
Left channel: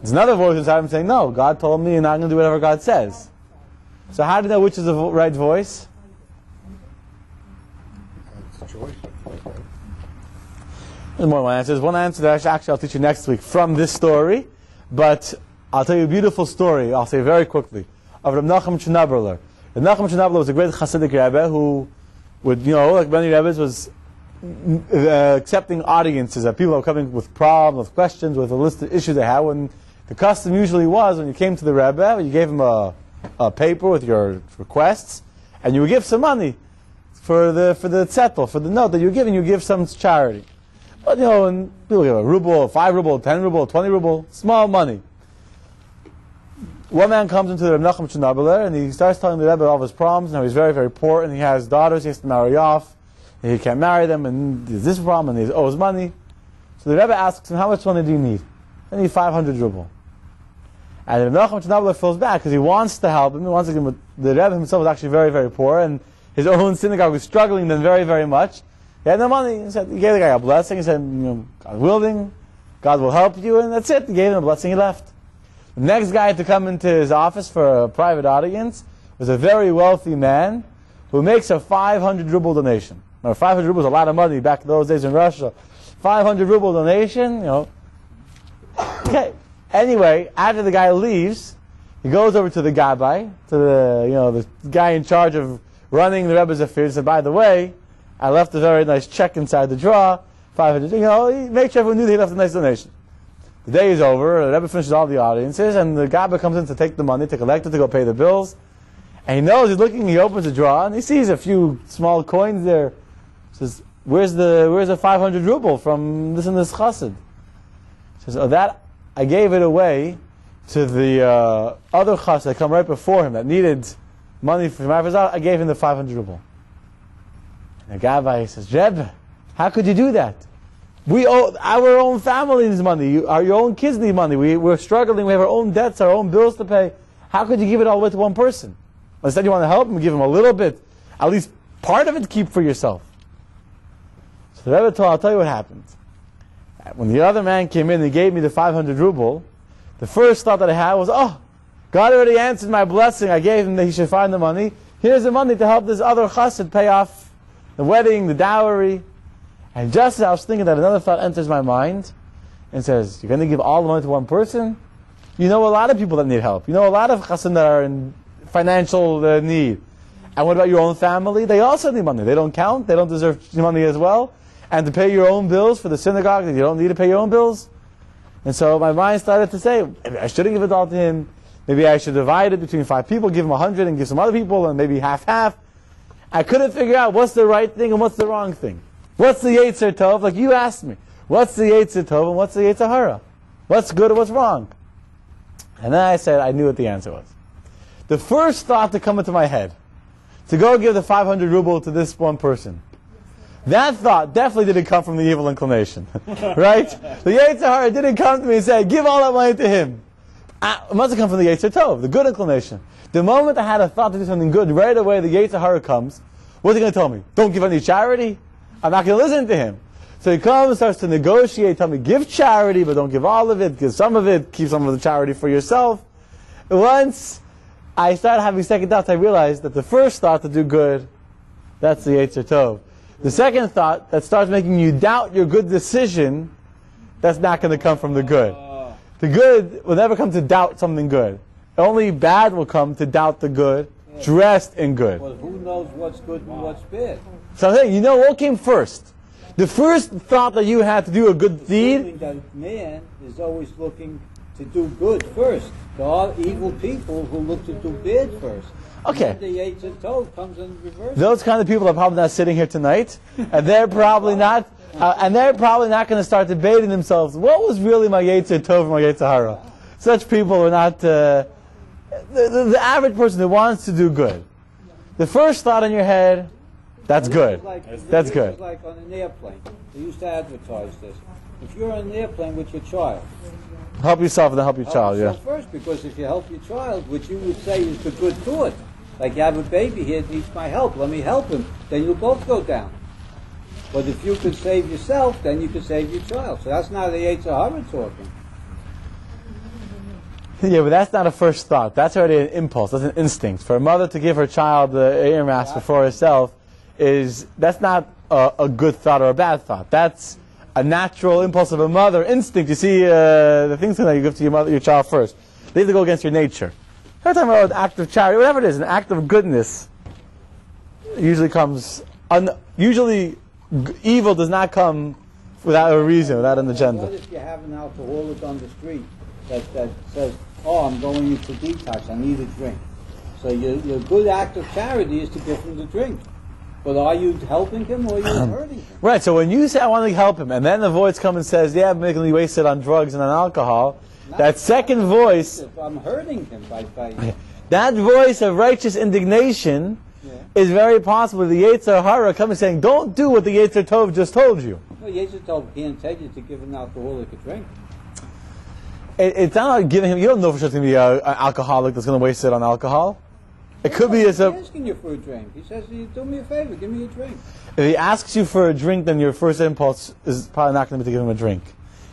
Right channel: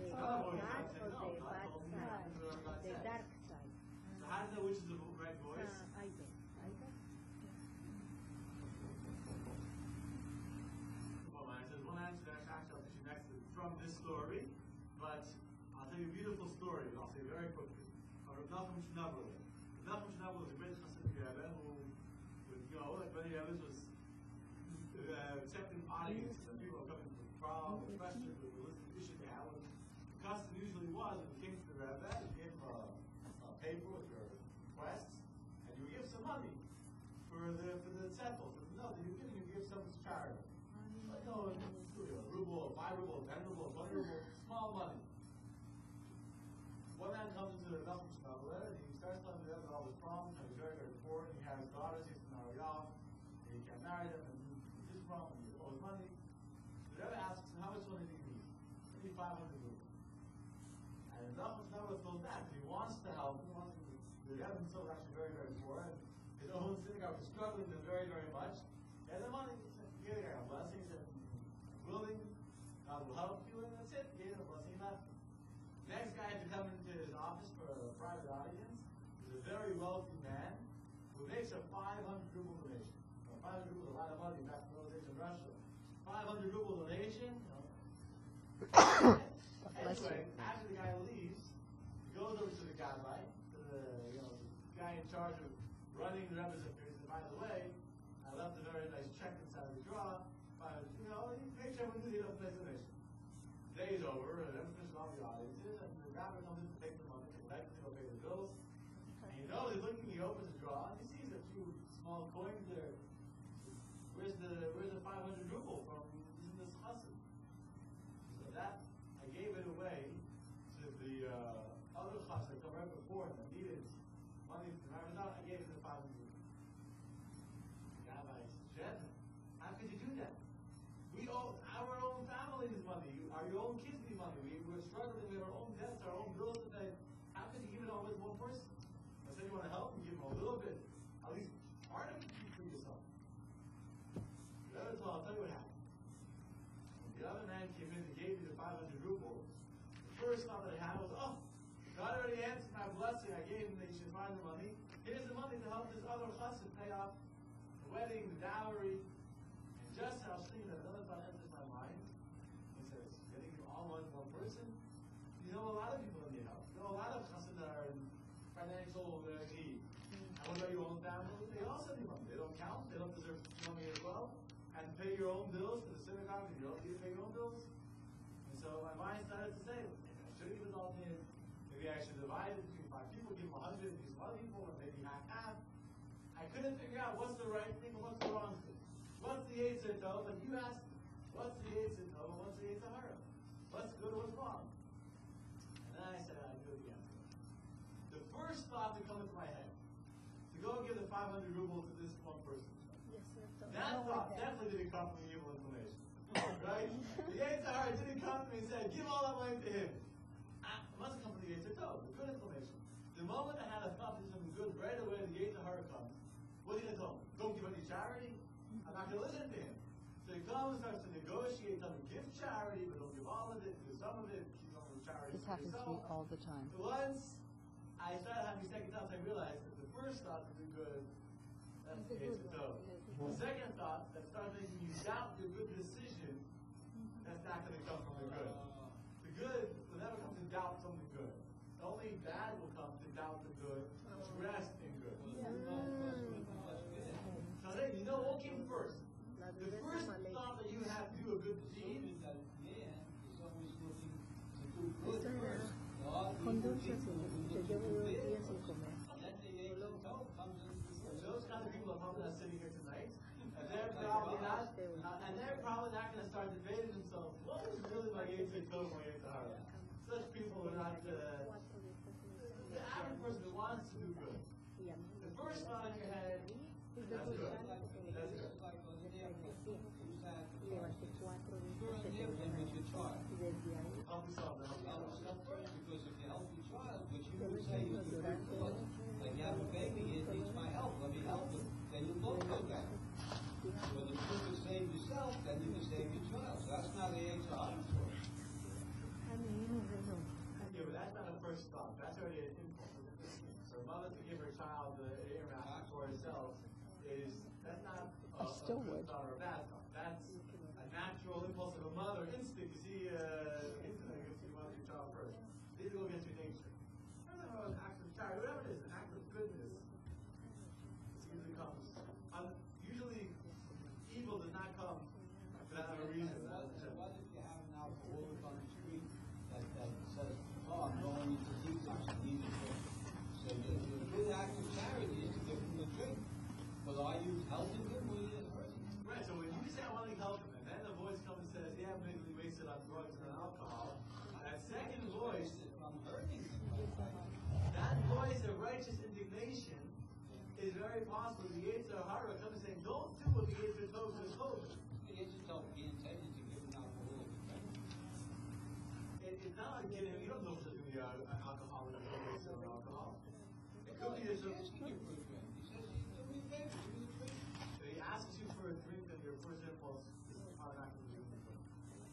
There's another voice inside him saying, no, God told me and I'm going to do whatever God says. So how do you know which is the right voice? There's more than one answer. There's one answer that actually I'll teach you next week from this story, but I'll tell you a beautiful story, I'll say very quickly, of Reb Nachum Chnaberler. Reb Nachum Chnaberler was a great Hasidic Rebbe who would, like many Rebbes, was accepting audiences, that people are coming with problems, with questions, with a list of issues they had. When the custom usually was, when you came to the Rebbe, you gave him a paper with your requests, and you would give some money for the zettel, for the note that you're giving, you give some charity. But and people give a ruble, 5 ruble, 10 ruble, 20 ruble, small money. One man comes into the Reb Nachum Chnaberler and he starts telling the Rebbe all of his problems, and how he's very, very poor, and he has daughters he has to marry off, and he can't marry them, and there's this problem, and he owes money. So the Rebbe asks him, how much money do you need? I need 500 ruble. And Reb Nachum Chnaberler feels bad because he wants to help him. He wants to give him, the Rebbe himself was actually very, very poor, and his own synagogue was struggling then very, very much. He had no money. He said, he gave the guy a blessing. He said, God willing, God will help you, and that's it. He gave him a blessing. He left. The next guy to come into his office for a private audience was a very wealthy man who makes a 500 ruble donation. Now, 500 rubles is a lot of money back in those days in Russia. 500 ruble donation, Okay. Anyway, after the guy leaves, he goes over to the Rabbi, to the guy in charge of running the Rebbe's affairs. He said, by the way, I left a very nice check inside the drawer, 500. He made sure everyone knew that he left a nice donation. The day is over, the Rebbe finishes all the audiences, and the Rabbi comes in to take the money, to collect it, to go pay the bills. And he knows, he's looking, he opens the drawer, and he sees a few small coins there. He says, where's the 500 ruble from this and this chassid? He says, that, I gave it away to the other chassid that come right before him that needed money for him. I gave him the 500 ruble. And the Rabbi says, Rebbe, how could you do that? We owe our own family needs money. Your own kids need money. We're struggling. We have our own debts, our own bills to pay. How could you give it all away to one person? Instead, you want to help him, give him a little bit, at least part of it, keep for yourself. So the Rebbe told, I'll tell you what happened. When the other man came in and gave me the 500 ruble, the first thought that I had was, God already answered my blessing. I gave him that he should find the money. Here's the money to help this other chassid pay off the wedding, the dowry. And just as I was thinking that, another thought enters my mind and says, you're going to give all the money to one person? You know a lot of people that need help. You know a lot of chassid that are in financial need. And what about your own family? They also need money. They don't count. They don't deserve money as well. And to pay your own bills for the synagogue, you don't need to pay your own bills. And so my mind started to say, maybe I shouldn't give it all to him. Maybe I should divide it between 5 people, give him 100 and give some other people, and maybe half-half. I couldn't figure out what's the right thing and what's the wrong thing. What's the Yetzer Tov? Like you asked me. What's the Yetzer Tov and what's the Yetzer Hara? What's good and what's wrong? And then I said, I knew what the answer was. The first thought to come into my head, to go give the 500 ruble to this one person, that thought definitely didn't come from the evil inclination. Right? The Yetzer Hara didn't come to me and say, give all that money to him. It must have come from the Yetzer Tov, the good inclination. The moment I had a thought to do something good, right away the Yetzer Hara comes. What's he going to tell me? Don't give any charity? I'm not going to listen to him. So he comes and starts to negotiate, tell me, give charity, but don't give all of it, give some of it, keep some of the charity for yourself. Once I started having second thoughts, I realized that the first thought to do good, that's the Yetzer Tov. The second thought that starts making you doubt your good decision, that's not going to come from the good. The good will never come to doubt something good. Only bad will come to doubt the good, dressed in good. Well, who knows what's good and what's bad? So I'm saying, what came first? The first thought that you had to do a good deed. That man is always looking to do good first. There are evil people who look to do bad first. Okay. And the Yetzer Tov comes in reverse. Those kind of people are probably not sitting here tonight, and they're probably not. And they're probably not going to start debating themselves. What was really my Yetzer Tov and my Yetzer Hara? Such people are not the average person who wants to do good. The first thought in your head, that's good. That's good. It's like on an airplane. They used to advertise this. If you're on an airplane with your child, help yourself and then help your child. Help yourself first, because if you help your child, which you would say is the good thought, like you have a baby here that needs my help, let me help him, then you'll both go down. But if you could save yourself, then you could save your child. So that's not the Yetzer Hara talking. Yeah, but that's not a first thought. That's already an impulse. That's an instinct. For a mother to give her child the ear mask before herself, that's not a good thought or a bad thought. That's a natural impulse of a mother, instinct. You see, the things that you give to your child first. They have to go against your nature. Every time about an act of charity, whatever it is, an act of goodness, usually comes. Evil does not come without a reason, without an agenda. What if you have an alcoholic on the street that says, "Oh, I'm going into detox. I need a drink." So your good act of charity is to give him the drink. But are you helping him or are you hurting him? Right, so when you say, I want to help him, and then the voice comes and says, yeah, I'm making me wasted on drugs and on alcohol, that second voice, I'm hurting him by that voice of righteous indignation is very possible the Yetzer Hara coming saying, don't do what the Yetzer Tov just told you. Well, Yetzer Tov can't tell you to give an alcoholic a drink. It's not like giving him, you don't know for sure it's going to be an alcoholic that's going to waste it on alcohol. It could be as a... He's asking you for a drink. He says, do me a favor, give me a drink. If he asks you for a drink, then your first impulse is probably not going to be to give him a drink.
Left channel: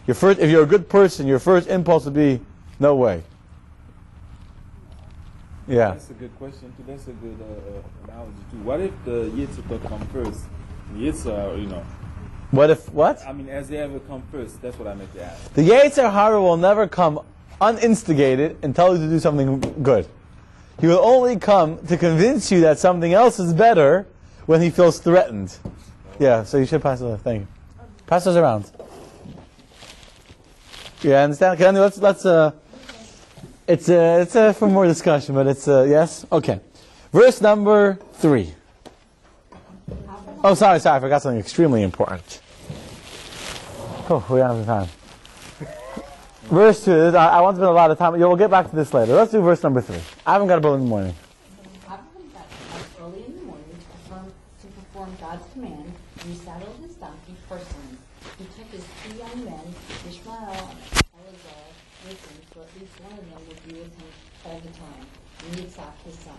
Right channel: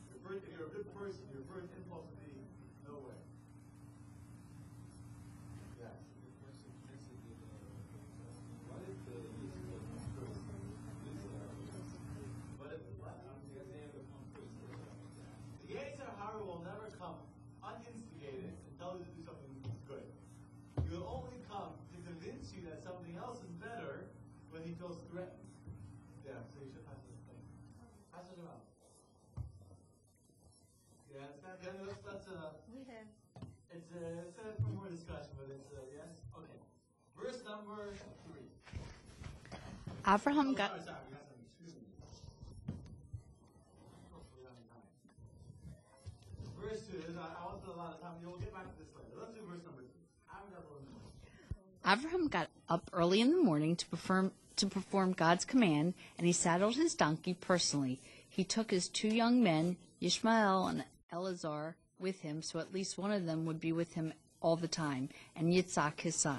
If you're a good person, your first impulse would be, no way. Yeah. That's a good question too. That's a good analogy too. What if the Yitzhak come first? Yitzhak, What if, what? I mean, as they ever come first, that's what I meant to ask. The Yetzer Hara will never come uninstigated and tell you to do something good. He will only come to convince you that something else is better when he feels threatened. Yeah, so you should pass it. Thank you. Pass those around. Yeah, understand? Okay, it's for more discussion, but it's yes. Okay, verse number 3. Abraham. Oh, sorry, I forgot something extremely important. Oh, we don't have time. Verse 2, I want to spend a lot of time. We'll get back to this later. Let's do verse number 3. I haven't got up early in the morning. Abraham got up early in the morning to perform God's command, and he saddled his donkey personally. He took his 2 young men, Ishmael and Eleazar, with him, so at least one of them would be with him all the time, and Yitzhak his son.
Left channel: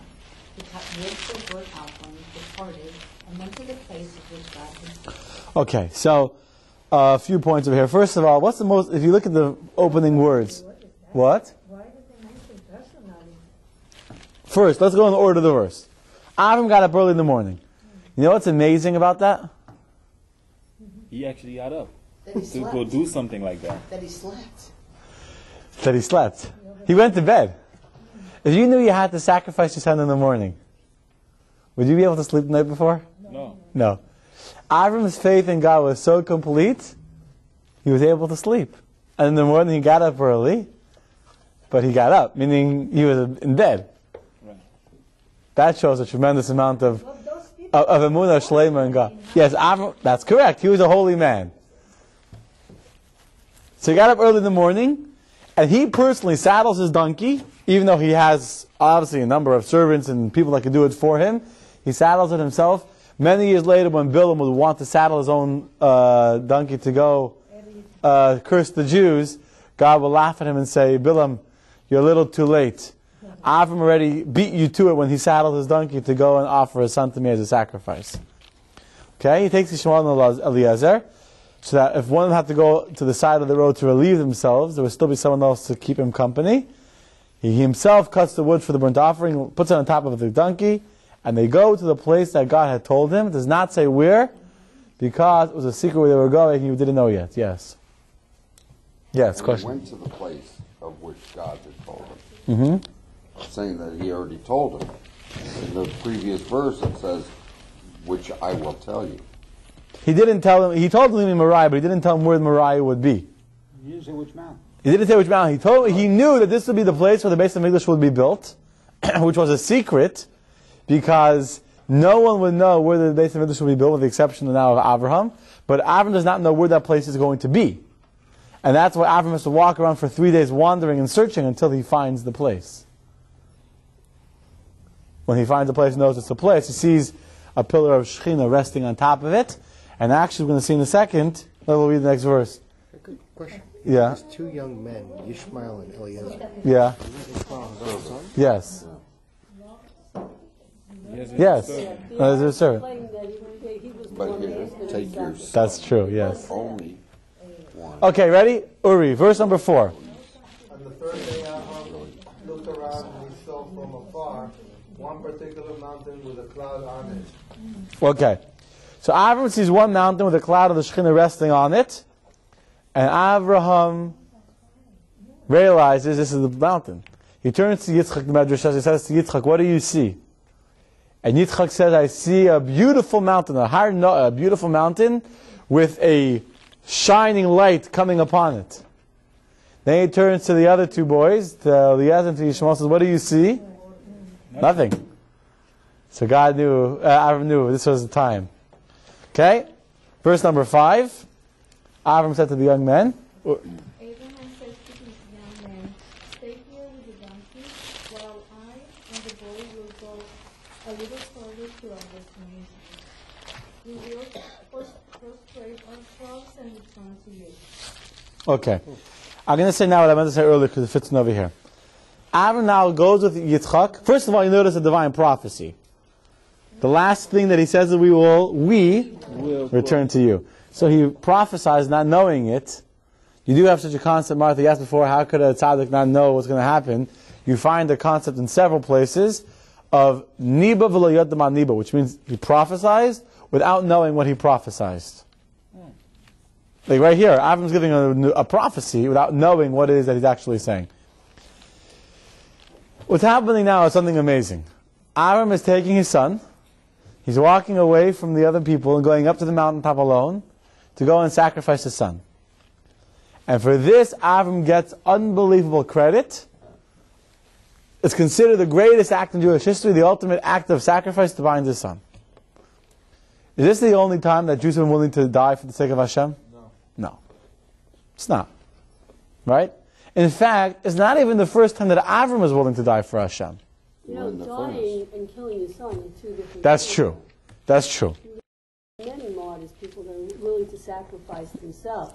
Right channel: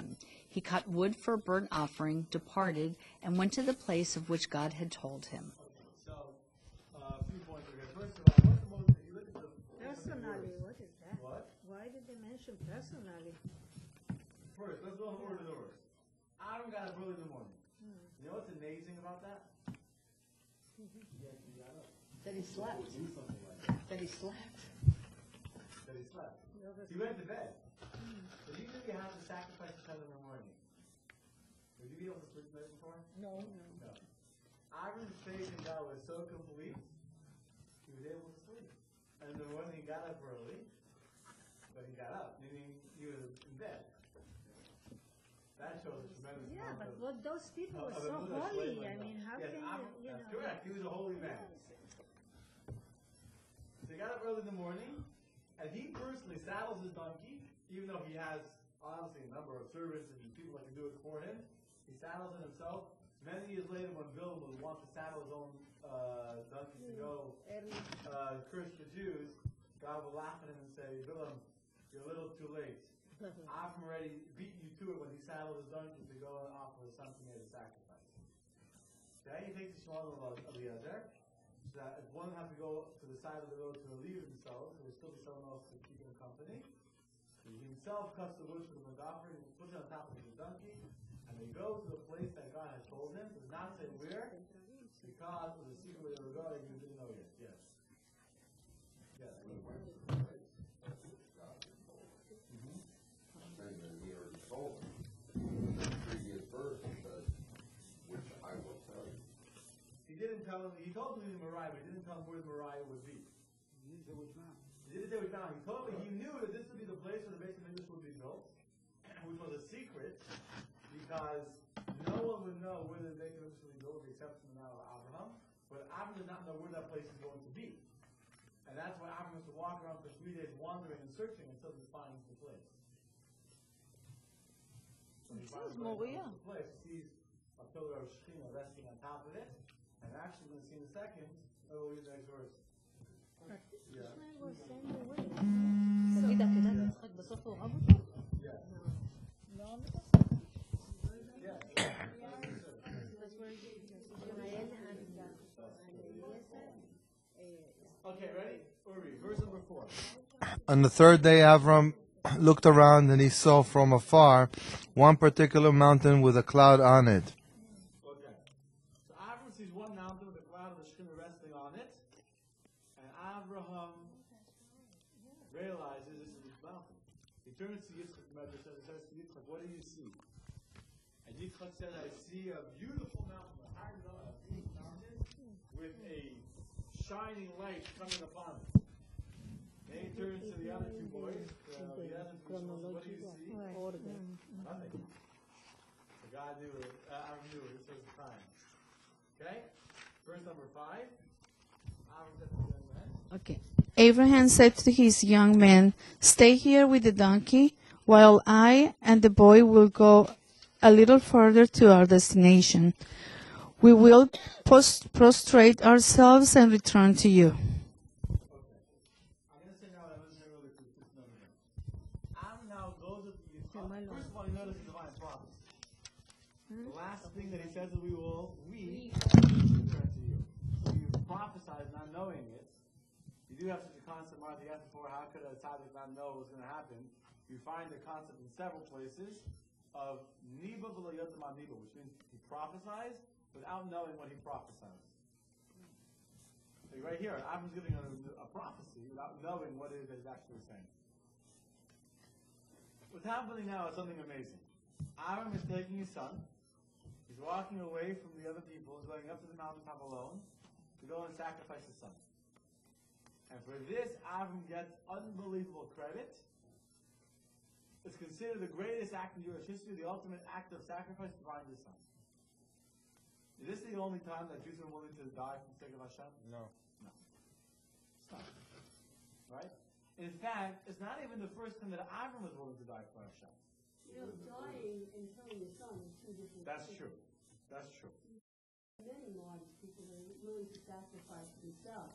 He cut wood for a burnt offering, departed, and went to the place of which God had told him. Okay, so a few points over here. First of all, what's the most, if you look at the opening words, what? Why did they mention personality? First, let's go in the order of the verse. Avram got up early in the morning. You know what's amazing about that? He actually got up That he to slept. go do something like that. That he slept. That he slept. He went to bed. If you knew you had to sacrifice your son in the morning, would you be able to sleep the night before? No. No. Avram's faith in God was so complete, he was able to sleep. And in the morning he got up early, but he got up, meaning he was in bed. Right. That shows a tremendous amount of emunah shlema in God. Yes, Avram, that's correct. He was a holy man. So he got up early in the morning, and he personally saddles his donkey, even though he has obviously a number of servants and people that can do it for him. He saddles it himself. Many years later, when Bilam would want to saddle his own donkey to go curse the Jews, God will laugh at him and say, Bilam, you're a little too late. Avram already beat you to it when he saddled his donkey to go and offer his son to me as a sacrifice. Okay, he takes Ishmael and Eliezer, so that if one of them had to go to the side of the road to relieve themselves, there would still be someone else to keep him company. He himself cuts the wood for the burnt offering, puts it on top of the donkey, and they go to the place that God had told him. It does not say where, because it was a secret where they were going and you didn't know yet. Yes. Yes, And question. He went to the place of which God had told him. Saying that he already told him. In the previous verse it says, which I will tell you. He didn't tell him, he told him in Moriah, but he didn't tell him where the Moriah would be. He didn't say which mountain. He didn't say which mountain. He knew that this would be the place where the base of English would be built, which was a secret, because no one would know where the base of English would be built, with the exception now of Abraham. But Abraham does not know where that place is going to be. And that's why Abraham has to walk around for 3 days wandering and searching until he finds the place. When he finds the place, knows it's a place, he sees a pillar of Shekhinah resting on top of it. And actually, we're going to see in a second, we'll read the next verse. Good question. Yeah. There's 2 young men, Ishmael and Eliezer. Yeah. Ishmael is his son? Yes. Yes. As a servant. But here, take your son. That's true, yes. Only one. Okay, ready? Uri, verse number 4. On the 3rd day, Avram looked around and he saw from afar one particular mountain with a cloud on it. Okay. So Avram sees one mountain with a cloud of the Shekhinah resting on it. And Abraham realizes this is the mountain. He turns to Yitzchak, the Medrash says, he says to Yitzchak, what do you see? And Yitzchak says, I see a beautiful mountain, a beautiful mountain with a shining light coming upon it. Then he turns to the other two boys, to Eliezer and to Yishmael, says, what do you see? Nothing. So God knew, Avram knew this was the time. Okay? Verse number 5. Avram said to the young men, Abraham said to his young men, stay here with the donkey, while I and the boy will go a little further to our destination. We will prostrate ourselves and return to you. Okay. I'm going to say now what I meant to say earlier because it fits in over here. Avram now goes with Yitzchak. First of all, you notice a divine prophecy. The last thing that he says is we will return to you. So he prophesies not knowing it. You do have such a concept, Martha, you asked before, how could a tzaddik not know what's going to happen? You find the concept in several places of niba v'lo yodam niba, which means he prophesies without knowing what he prophesied. Like right here, Avram's giving a prophecy without knowing what it is that he's actually saying. What's happening now is something amazing. Avram is taking his son, he's walking away from the other people and going up to the mountaintop alone to go and sacrifice his son. And for this, Avram gets unbelievable credit. It's considered the greatest act in Jewish history, the ultimate act of sacrifice to bind his son. Is this the only time that Jews have been willing to die for the sake of Hashem? No. It's not. Right? In fact, it's not even the first time that Avram was willing to die for Hashem. You know, dying and killing your son are two different That's things. true. That's true. Many martyrs, people that are willing to sacrifice themselves.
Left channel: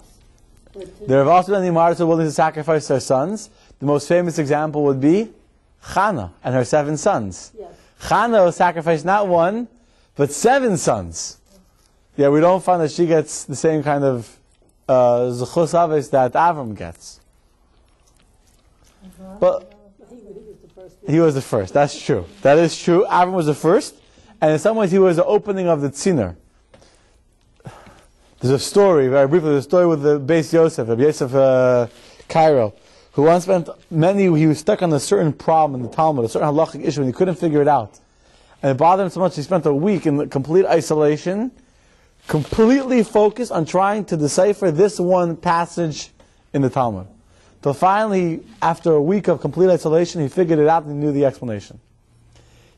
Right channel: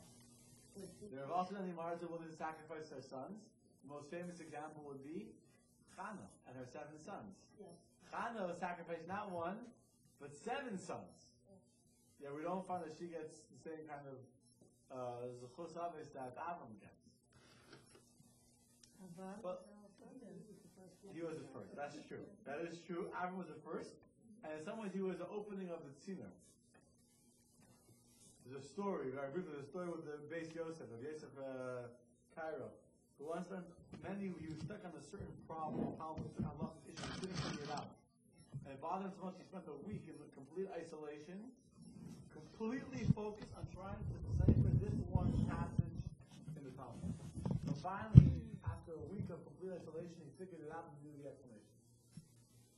There have also been many martyrs who are willing to sacrifice their sons. The most famous example would be Chana and her 7 sons. Yes. Chana sacrificed not 1, but 7 sons. Yeah, we don't find that she gets the same kind of zechus aves that Avram gets. But he was the first. That's true. That is true. Avram was the first, and in some ways he was the opening of the tziner. There's a story, very briefly, there's a story with the Beis Yosef, Rabbi Yosef Cairo, who once spent he was stuck on a certain problem in the Talmud, a certain halachic issue, and he couldn't figure it out. And it bothered him so much, he spent a week in complete isolation, completely focused on trying to decipher this one passage in the Talmud. Till finally, after a week of complete isolation, he figured it out and he knew the explanation.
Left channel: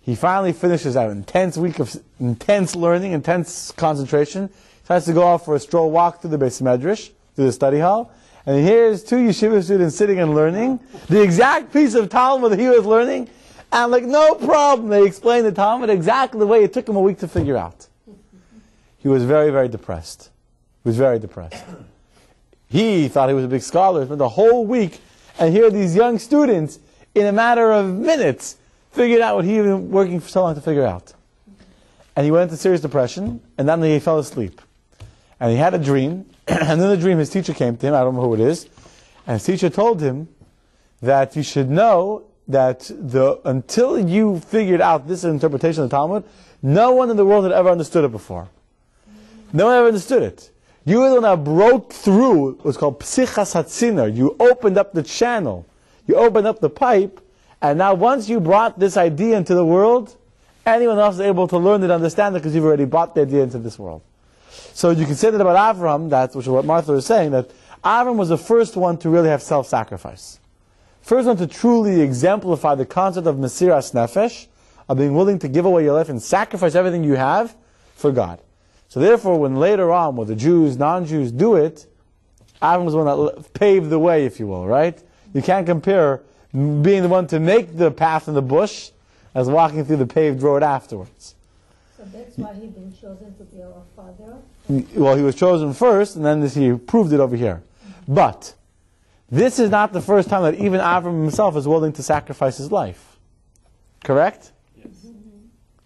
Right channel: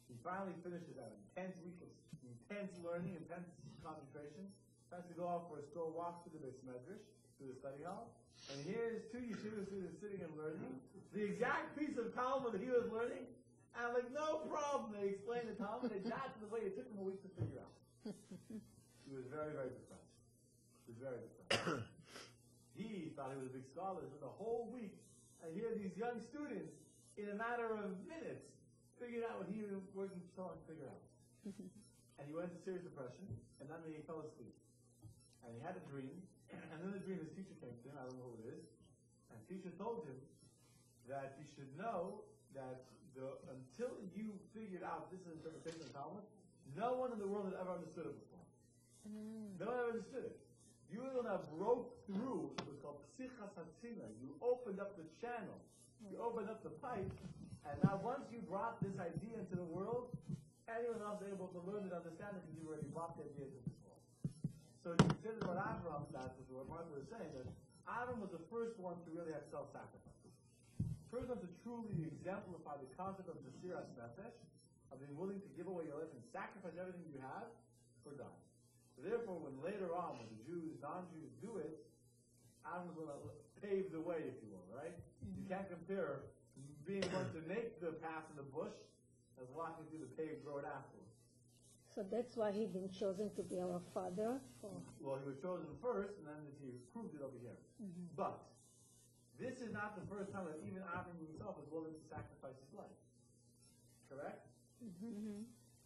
He finally finishes that intense week of intense learning, intense concentration. He has to go off for a stroll walk through the Beis Medrash, through the study hall, and he hears 2 yeshiva students sitting and learning the exact piece of Talmud that he was learning, and like no problem, they explained the Talmud exactly the way it took him a week to figure out. He was very, very depressed. He was very depressed. He thought he was a big scholar, spent the whole week, and here these young students, in a matter of minutes, figured out what he had been working for so long to figure out. And he went into serious depression, and then he fell asleep. And he had a dream, and in the dream his teacher came to him, I don't know who it is, and his teacher told him that you should know that until you figured out this interpretation of the Talmud, no one in the world had ever understood it before. No one ever understood it. You were the one that broke through what's called psichas hatziner. You opened up the channel. You opened up the pipe, and now once you brought this idea into the world, anyone else is able to learn it and understand it because you've already brought the idea into this world. So you can say that about Avram, which is what Martha was saying, that Avram was the first one to really have self-sacrifice. First one to truly exemplify the concept of Mesiras Nefesh, of being willing to give away your life and sacrifice everything you have for God. So therefore, when later on, when the Jews, non-Jews do it, Avram was the one that paved the way, if you will, right? You can't compare being the one to make the path in the bush as walking through the paved road afterwards. So that's why he's been chosen to be our father. Well, he was chosen first, and then he proved it over here. But this is not the first time that even Avram himself is willing to sacrifice his life. Correct? Yes.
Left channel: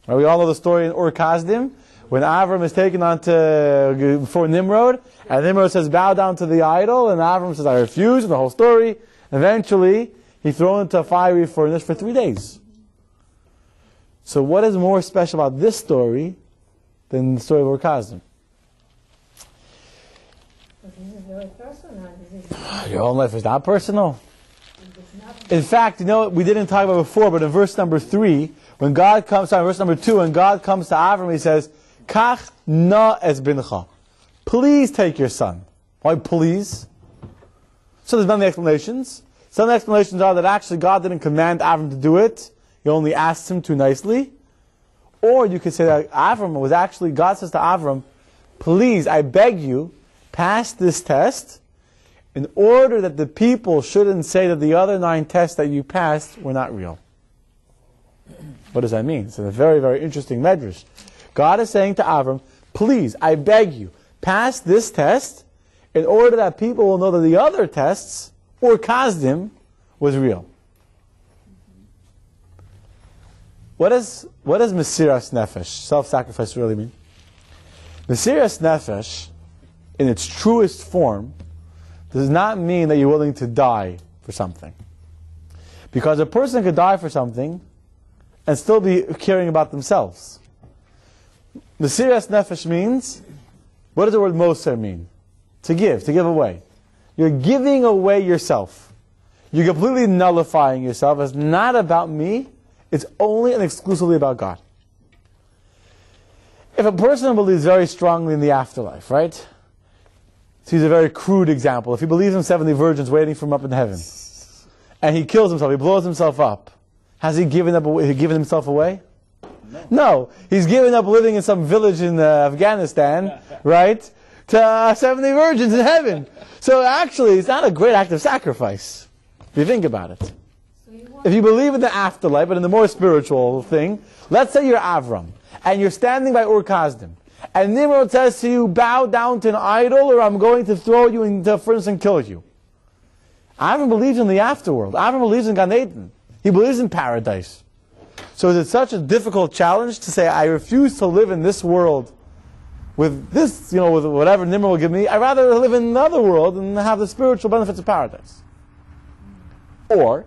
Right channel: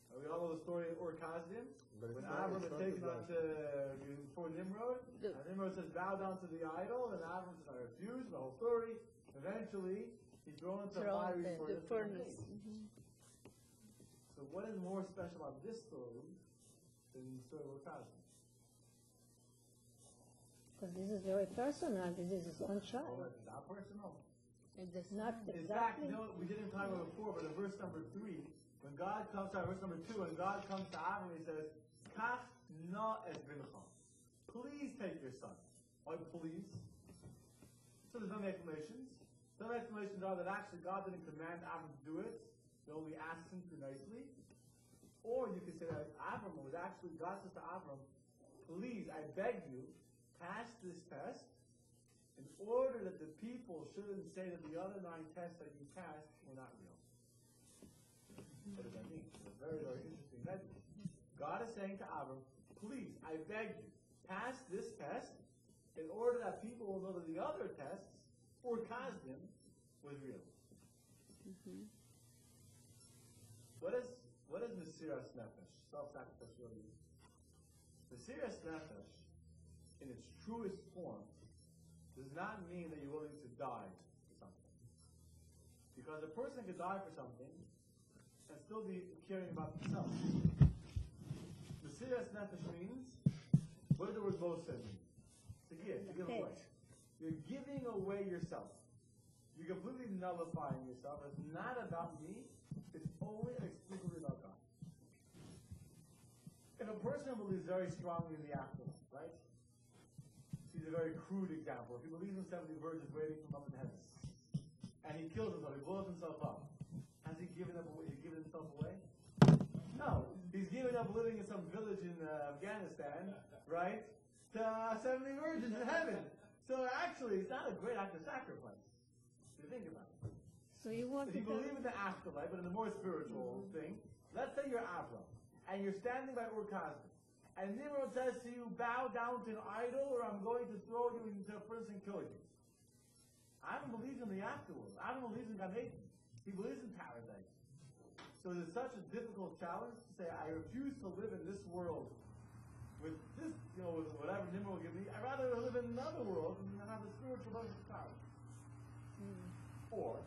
Right, we all know the story in Ur Kasdim, when Avram is taken on before Nimrod, and Nimrod says, bow down to the idol, and Avram says, I refuse, and the whole story. Eventually, he's thrown into a fiery furnace for 3 days. So what is more special about this story than the story of Ur Kasdim? This is very very personal. Your own life is not personal. It's not In fact, you know what we didn't talk about before, but in verse number 3, when God comes, verse number 2, when God comes to Avram, he says, Kach na es bincha. Please take your son. Why please? So there's many explanations. Some explanations are that actually God didn't command Avram to do it. He only asked him to nicely. Or you could say that Avram was actually, God says to Avram, please, I beg you, pass this test in order that the people shouldn't say that the other 9 tests that you passed were not real. What does that mean? It's a very, very interesting medrash. God is saying to Avram, please, I beg you, pass this test in order that people will know that the other tests, or Kazdim, was real. What does Mesiras Nefesh, self-sacrifice, really mean? Mesiras Nefesh, in its truest form, does not mean that you're willing to die for something. Because a person could die for something and still be caring about themselves. Mesiras Nefesh means, what does the word Moser mean? To give away. You're giving away yourself. You're completely nullifying yourself. It's not about me. It's only and exclusively about God. If a person believes very strongly in the afterlife, right? So he's a very crude example. If he believes in 70 virgins waiting for him up in heaven, and he kills himself, he blows himself up, has he given himself away? No. He's given up living in some village in Afghanistan, right, to 70 virgins in heaven. So actually, it's not a great act of sacrifice, if you think about it. If you believe in the afterlife, but in the more spiritual thing, let's say you're Avram, and you're standing by Ur Kasdim, and Nimrod says to you, bow down to an idol, or I'm going to throw you into a furnace and kill you. Avram believes in the afterworld. Avram believes in Gan Eden. He believes in paradise. So is it such a difficult challenge to say, I refuse to live in this world with this, with whatever Nimrod will give me. I'd rather live in another world and have the spiritual benefits of paradise. Or,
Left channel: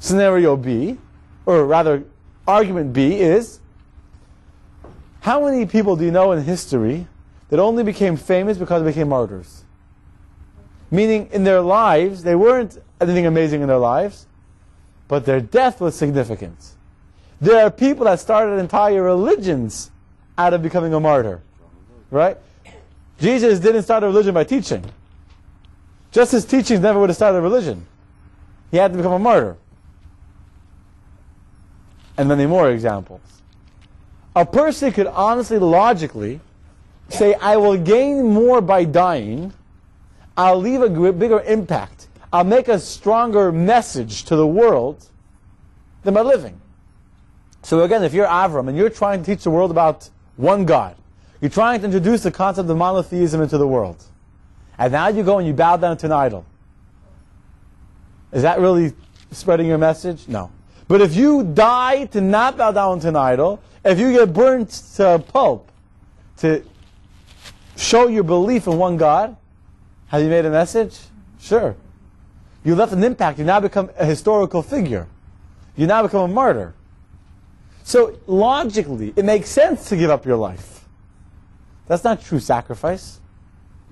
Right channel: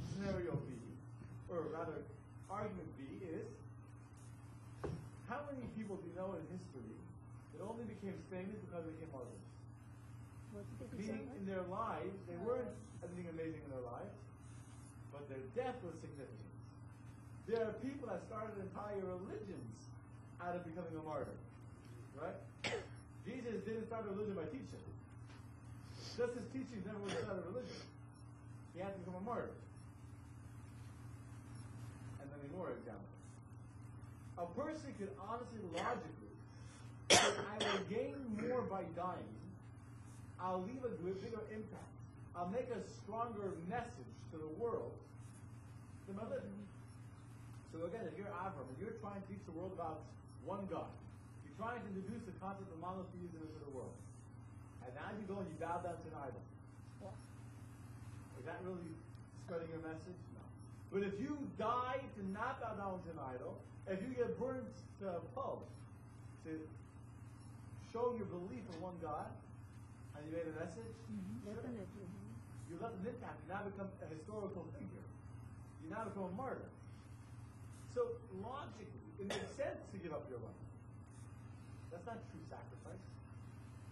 scenario B, or rather, argument B is, how many people do you know in history that only became famous because they became martyrs? Meaning, in their lives, they weren't anything amazing in their lives, but their death was significant. There are people that started entire religions out of becoming a martyr. Right? Jesus didn't start a religion by teaching. Just his teachings never would have started a religion. He had to become a martyr. And many more examples. A person could honestly, logically, say, I will gain more by dying. I'll leave a bigger impact. I'll make a stronger message to the world than by living. So again, if you're Avram and you're trying to teach the world about one God, you're trying to introduce the concept of monotheism into the world, and now you go and you bow down to an idol. Is that really spreading your message? No. But if you die to not bow down to an idol, if you get burnt to pulp to show your belief in one God, have you made a message? Sure. You left an impact. You now become a historical figure. You now become a martyr. So logically, it makes sense to give up your life. That's not true sacrifice.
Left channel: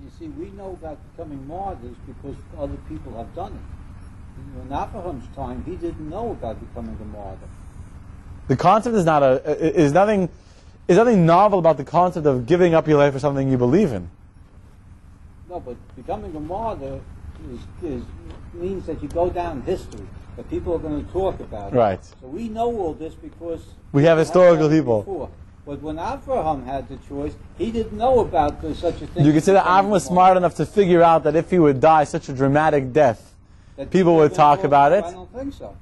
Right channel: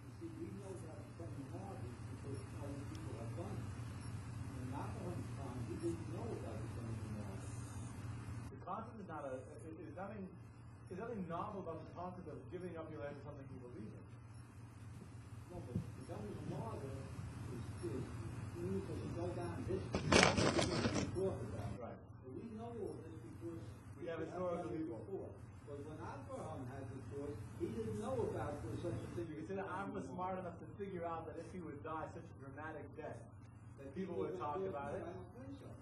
You see, we know about becoming martyrs because other people have done it. In Abraham's time, he didn't know about becoming a martyr. The concept is nothing novel about the concept of giving up your life for something you believe in. No, but becoming a martyr means that you go down history. That people are going to talk about it. Right. So we know all this because we have historical people. Before. But when Abraham had the choice, he didn't know about such a thing. You could say that Abraham was smart enough to figure out that if he would die such a dramatic death, that people would talk about it. I don't think so.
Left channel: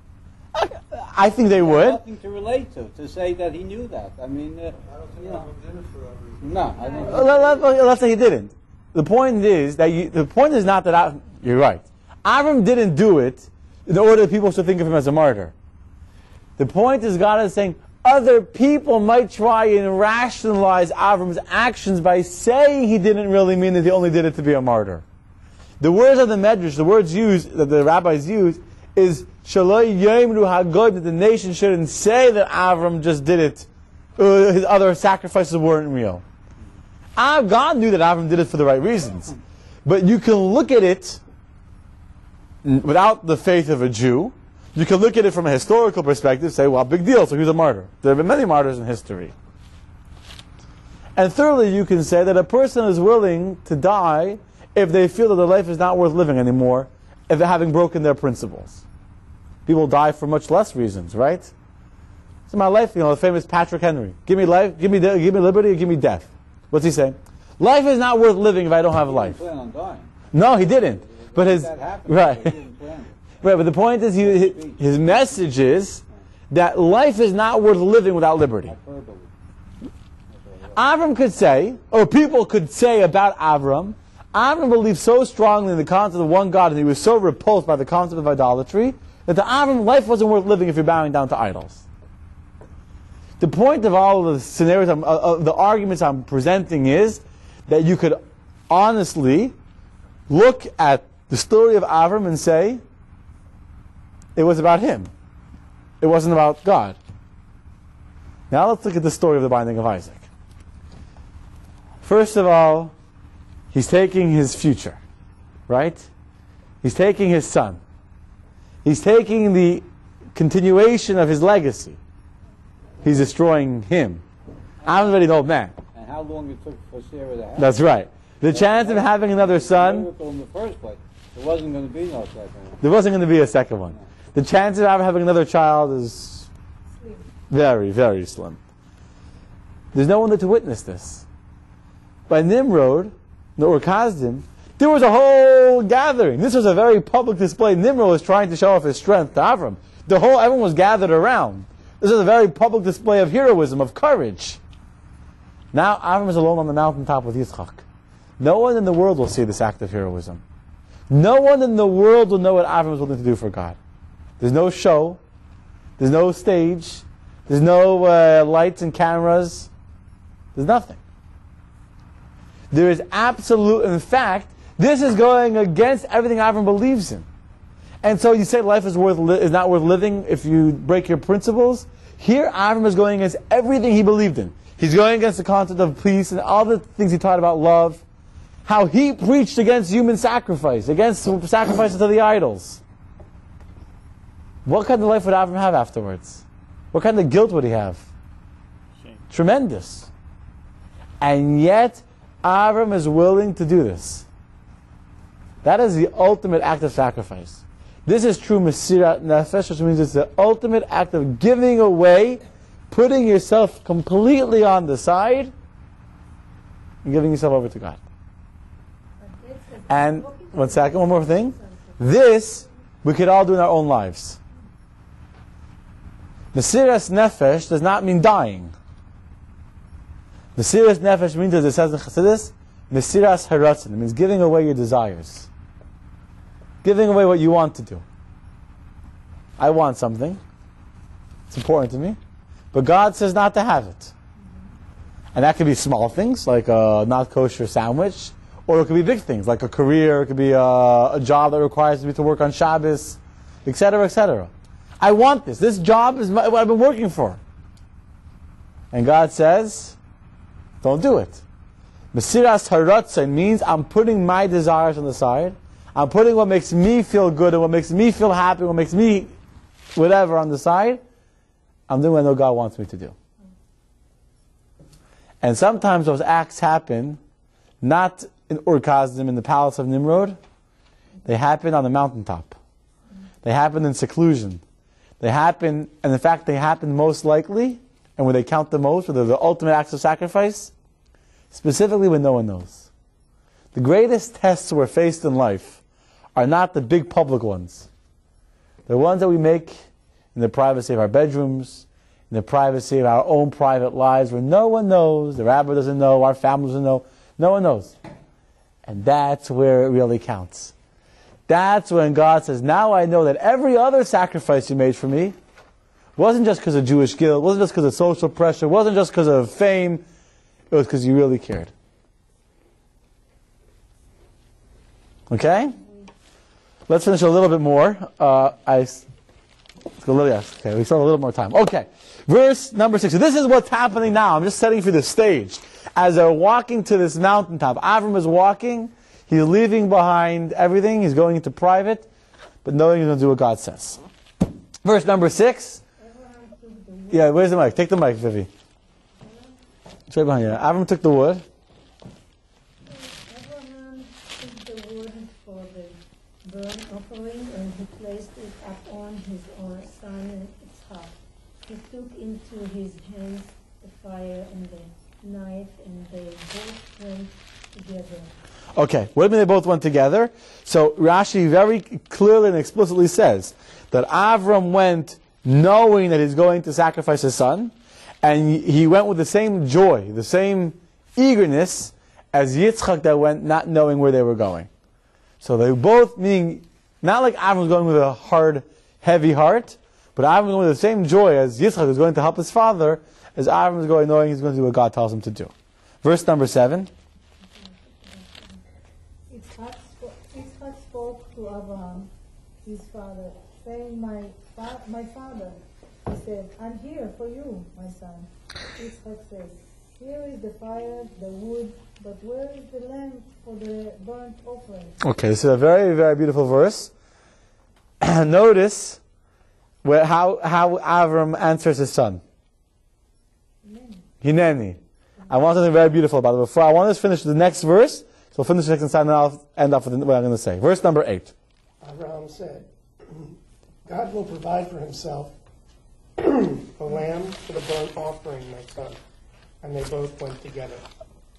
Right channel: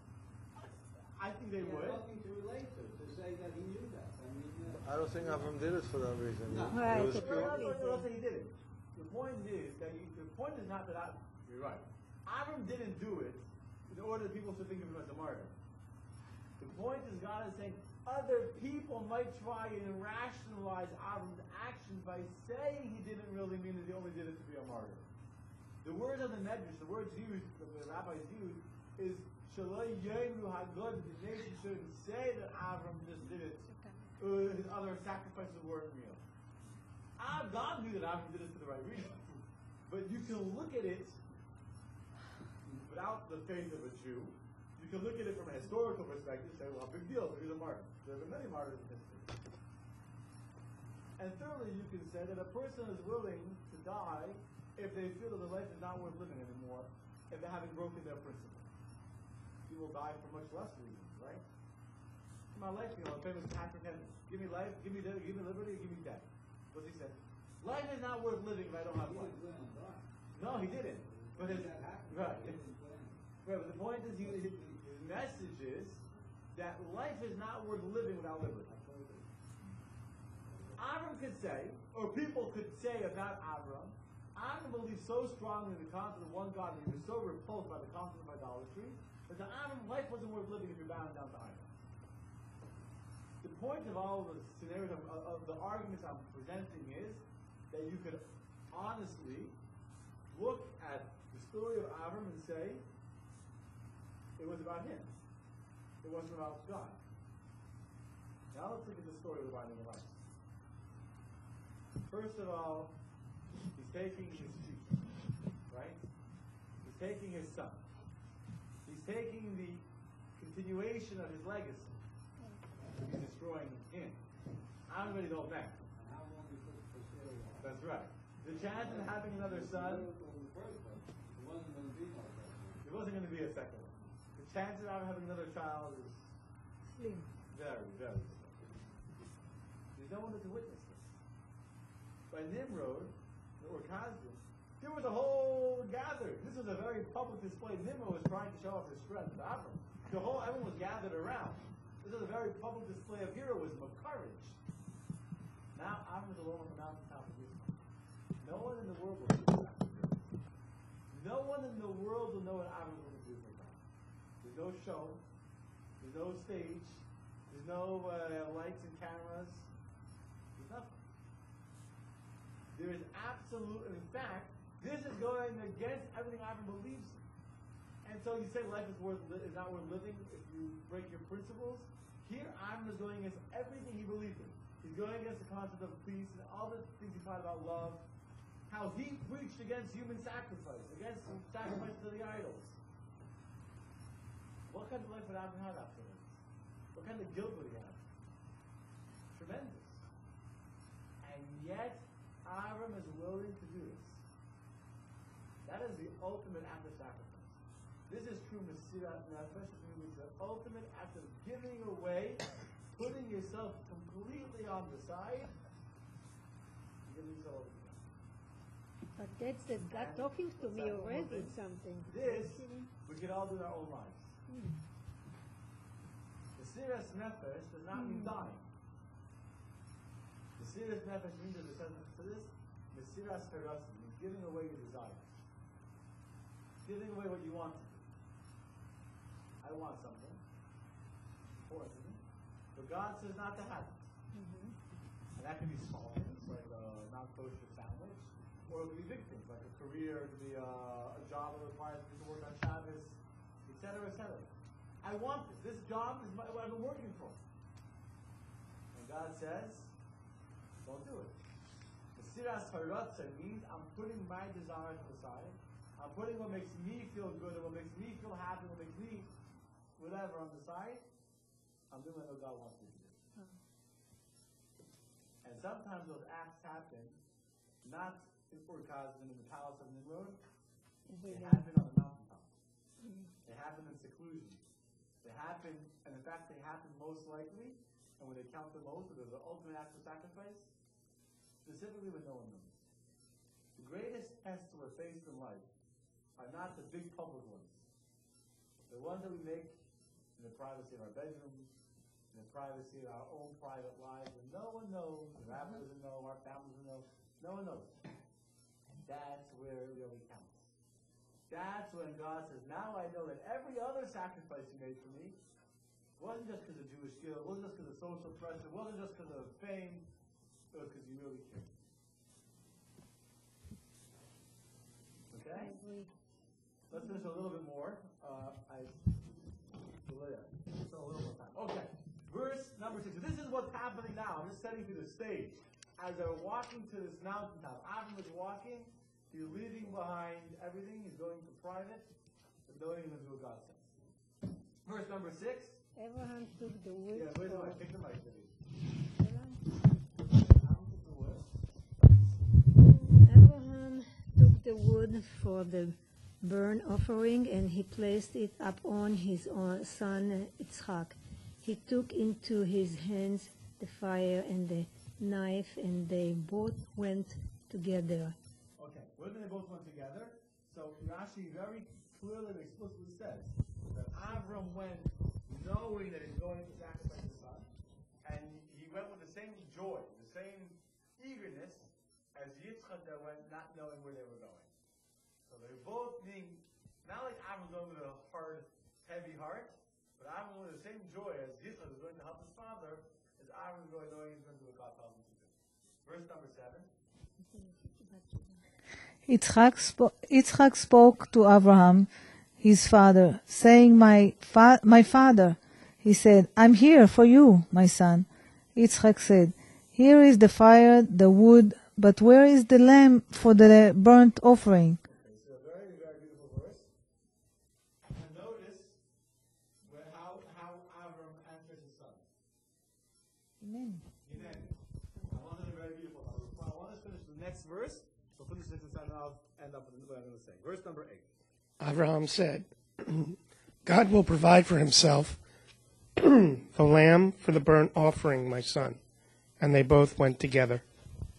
I think they would. Nothing to relate to say that he knew that. I mean, I don't think Abraham did it for that reason. No, I don't. Let's say he didn't. The point is not that you're right. Abraham didn't do it in order that people should think of him as a martyr. The point is, God is saying other people might try and rationalize Avram's actions by saying he didn't really mean that he only did it to be a martyr. The words of the Medrash, the words used that the rabbis use, is Shaloi Yomru Hagoyim, that the nation shouldn't say that Avram just did it. His other sacrifices weren't real. God knew that Avram did it for the right reasons. But you can look at it without the faith of a Jew. You can look at it from a historical perspective, say, well, big deal, so he's a martyr. There have been many martyrs in history. And thirdly, you can say that a person is willing to die if they feel that their life is not worth living anymore, if they're having broken their principles. People die for much less reasons, right? So my life, the famous Patrick Henry. Give me life, give me liberty, or give me death. What's he saying? Life is not worth living if I don't have a life. He didn't plan on dying. No, he didn't. But his That happened, right, but he didn't plan it. right. But the point is, his message is that life is not worth living without liberty. Avram could say, or people could say about Avram believed so strongly in the concept of one God, and he was so repulsed by the concept of idolatry, that to Avram, life wasn't worth living if you're bowing down to idols. The point of all of the scenarios, the arguments I'm presenting is that you could honestly look at the story of Avram and say, it was about him. It wasn't about God. Now let's look at the story of the binding of Isaac. First of all, he's taking his future, right? He's taking his son. He's taking the continuation of his legacy. He's destroying him. I'm already an old man. And how long it took for Sarah to have That's right. The chance of having another son, in the first place. There wasn't going to be no second one. there wasn't going to be a second one. The chance of having another child is very, very slim. There's no one there to witness this. By Nimrod, or Kazdim, there was a whole gathering. This was a very public display. Nimrod was trying to show off his strength to Avram. Everyone was gathered around. This is a very public display of heroism, of courage. Now Avram is alone on the mountaintop with Yitzchak. No one in the world will see this act of heroism. No one in the world will know what Avram is willing to do for God. There's no show. There's no stage. There's no lights and cameras. There's nothing. There is absolute, in fact, this is going against everything Avram believes in. And so you say life is not worth living if you break your principles. Here Avram is going against everything he believed in. He's going against the concept of peace and all the things he taught about love. How he preached against human sacrifice, against sacrifices to the idols. What kind of life would Avram have afterwards? What kind of guilt would he have? Shame. Tremendous. And yet, Avram is willing to do this. That is the ultimate act of sacrifice. This is true Mesirat Nefesh, which means it's the ultimate act of giving away, putting yourself completely on the side, and giving yourself over to God. And, one more thing. This, we could all do in our own lives. Mesiras Nefesh does not mean dying. Mesiras Nefesh means, as it says in Chassidus, Mesiras Haratzin. It means giving away your desires. Giving away what you want to do. I want something. It's important to me. But God says not to have it. And that could be small things, like a not kosher sandwich, or it could be big things, like a career, it could be a job that requires me to work on Shabbos, etc., etc. I want this. This job is what I've been working for. And God says, don't do it. Mesiras Haratzin means I'm putting my desires on the side. I'm putting what makes me feel good and what makes me feel happy, what makes me whatever on the side. I'm doing what I know God wants me to do. And sometimes those acts happen not in Ur-Kasdim, in the palace of Nimrod. They happen on the mountaintop. They happen in seclusion. They happen, and in fact they happen most likely, and when they count the most, where they're the ultimate acts of sacrifice, specifically when no one knows. The greatest tests we're faced in life are not the big public ones. They're ones that we make in the privacy of our bedrooms, in the privacy of our own private lives, where no one knows, the rabbi doesn't know, our family doesn't know, no one knows. And that's where it really counts. That's when God says, now I know that every other sacrifice you made for me wasn't just because of Jewish guilt, wasn't just because of social pressure, wasn't just because of fame, it was because you really cared. Okay? Let's finish a little bit more. We still have a little more time. Okay. Verse number 6. So this is what's happening now. I'm just setting for the stage. As they're walking to this mountaintop, Avram is walking. He's leaving behind everything. He's going into private, but knowing he's going to do what God says. Verse number 6. Yeah, where's the mic? Take the mic, Vivi. It's right behind you. Avram took the wood. Abraham took the wood for the burnt offering, and he placed it upon his own son Yitzchak. He took into his hands the fire and the knife, and they both went together. Okay, what do you mean they both went together? So Rashi very clearly and explicitly says that Avram went knowing that he's going to sacrifice his son, and he went with the same joy, the same eagerness as Yitzchak that went not knowing where they were going. So they both, meaning, not like Avram was going with a hard, heavy heart, but Avram was going with the same joy as Yitzchak was going to help his father, as Avram was going knowing he's going to do what God tells him to do. Verse number 7. Yitzchak spoke to Abraham, his father, saying, My father. He said, I'm here for you, my son. Yitzchak said, Here is the fire, the wood, but where is the lamb for the burnt offering? Okay, this is a very, very beautiful verse. Notice how Avram answers his son. Hineni. I want something very beautiful about it. Before I want to finish the next verse, so we'll finish the second side and I'll end up with what I'm going to say. Verse number 8. Abraham said, God will provide for himself the lamb for the burnt offering, my son. And they both went together.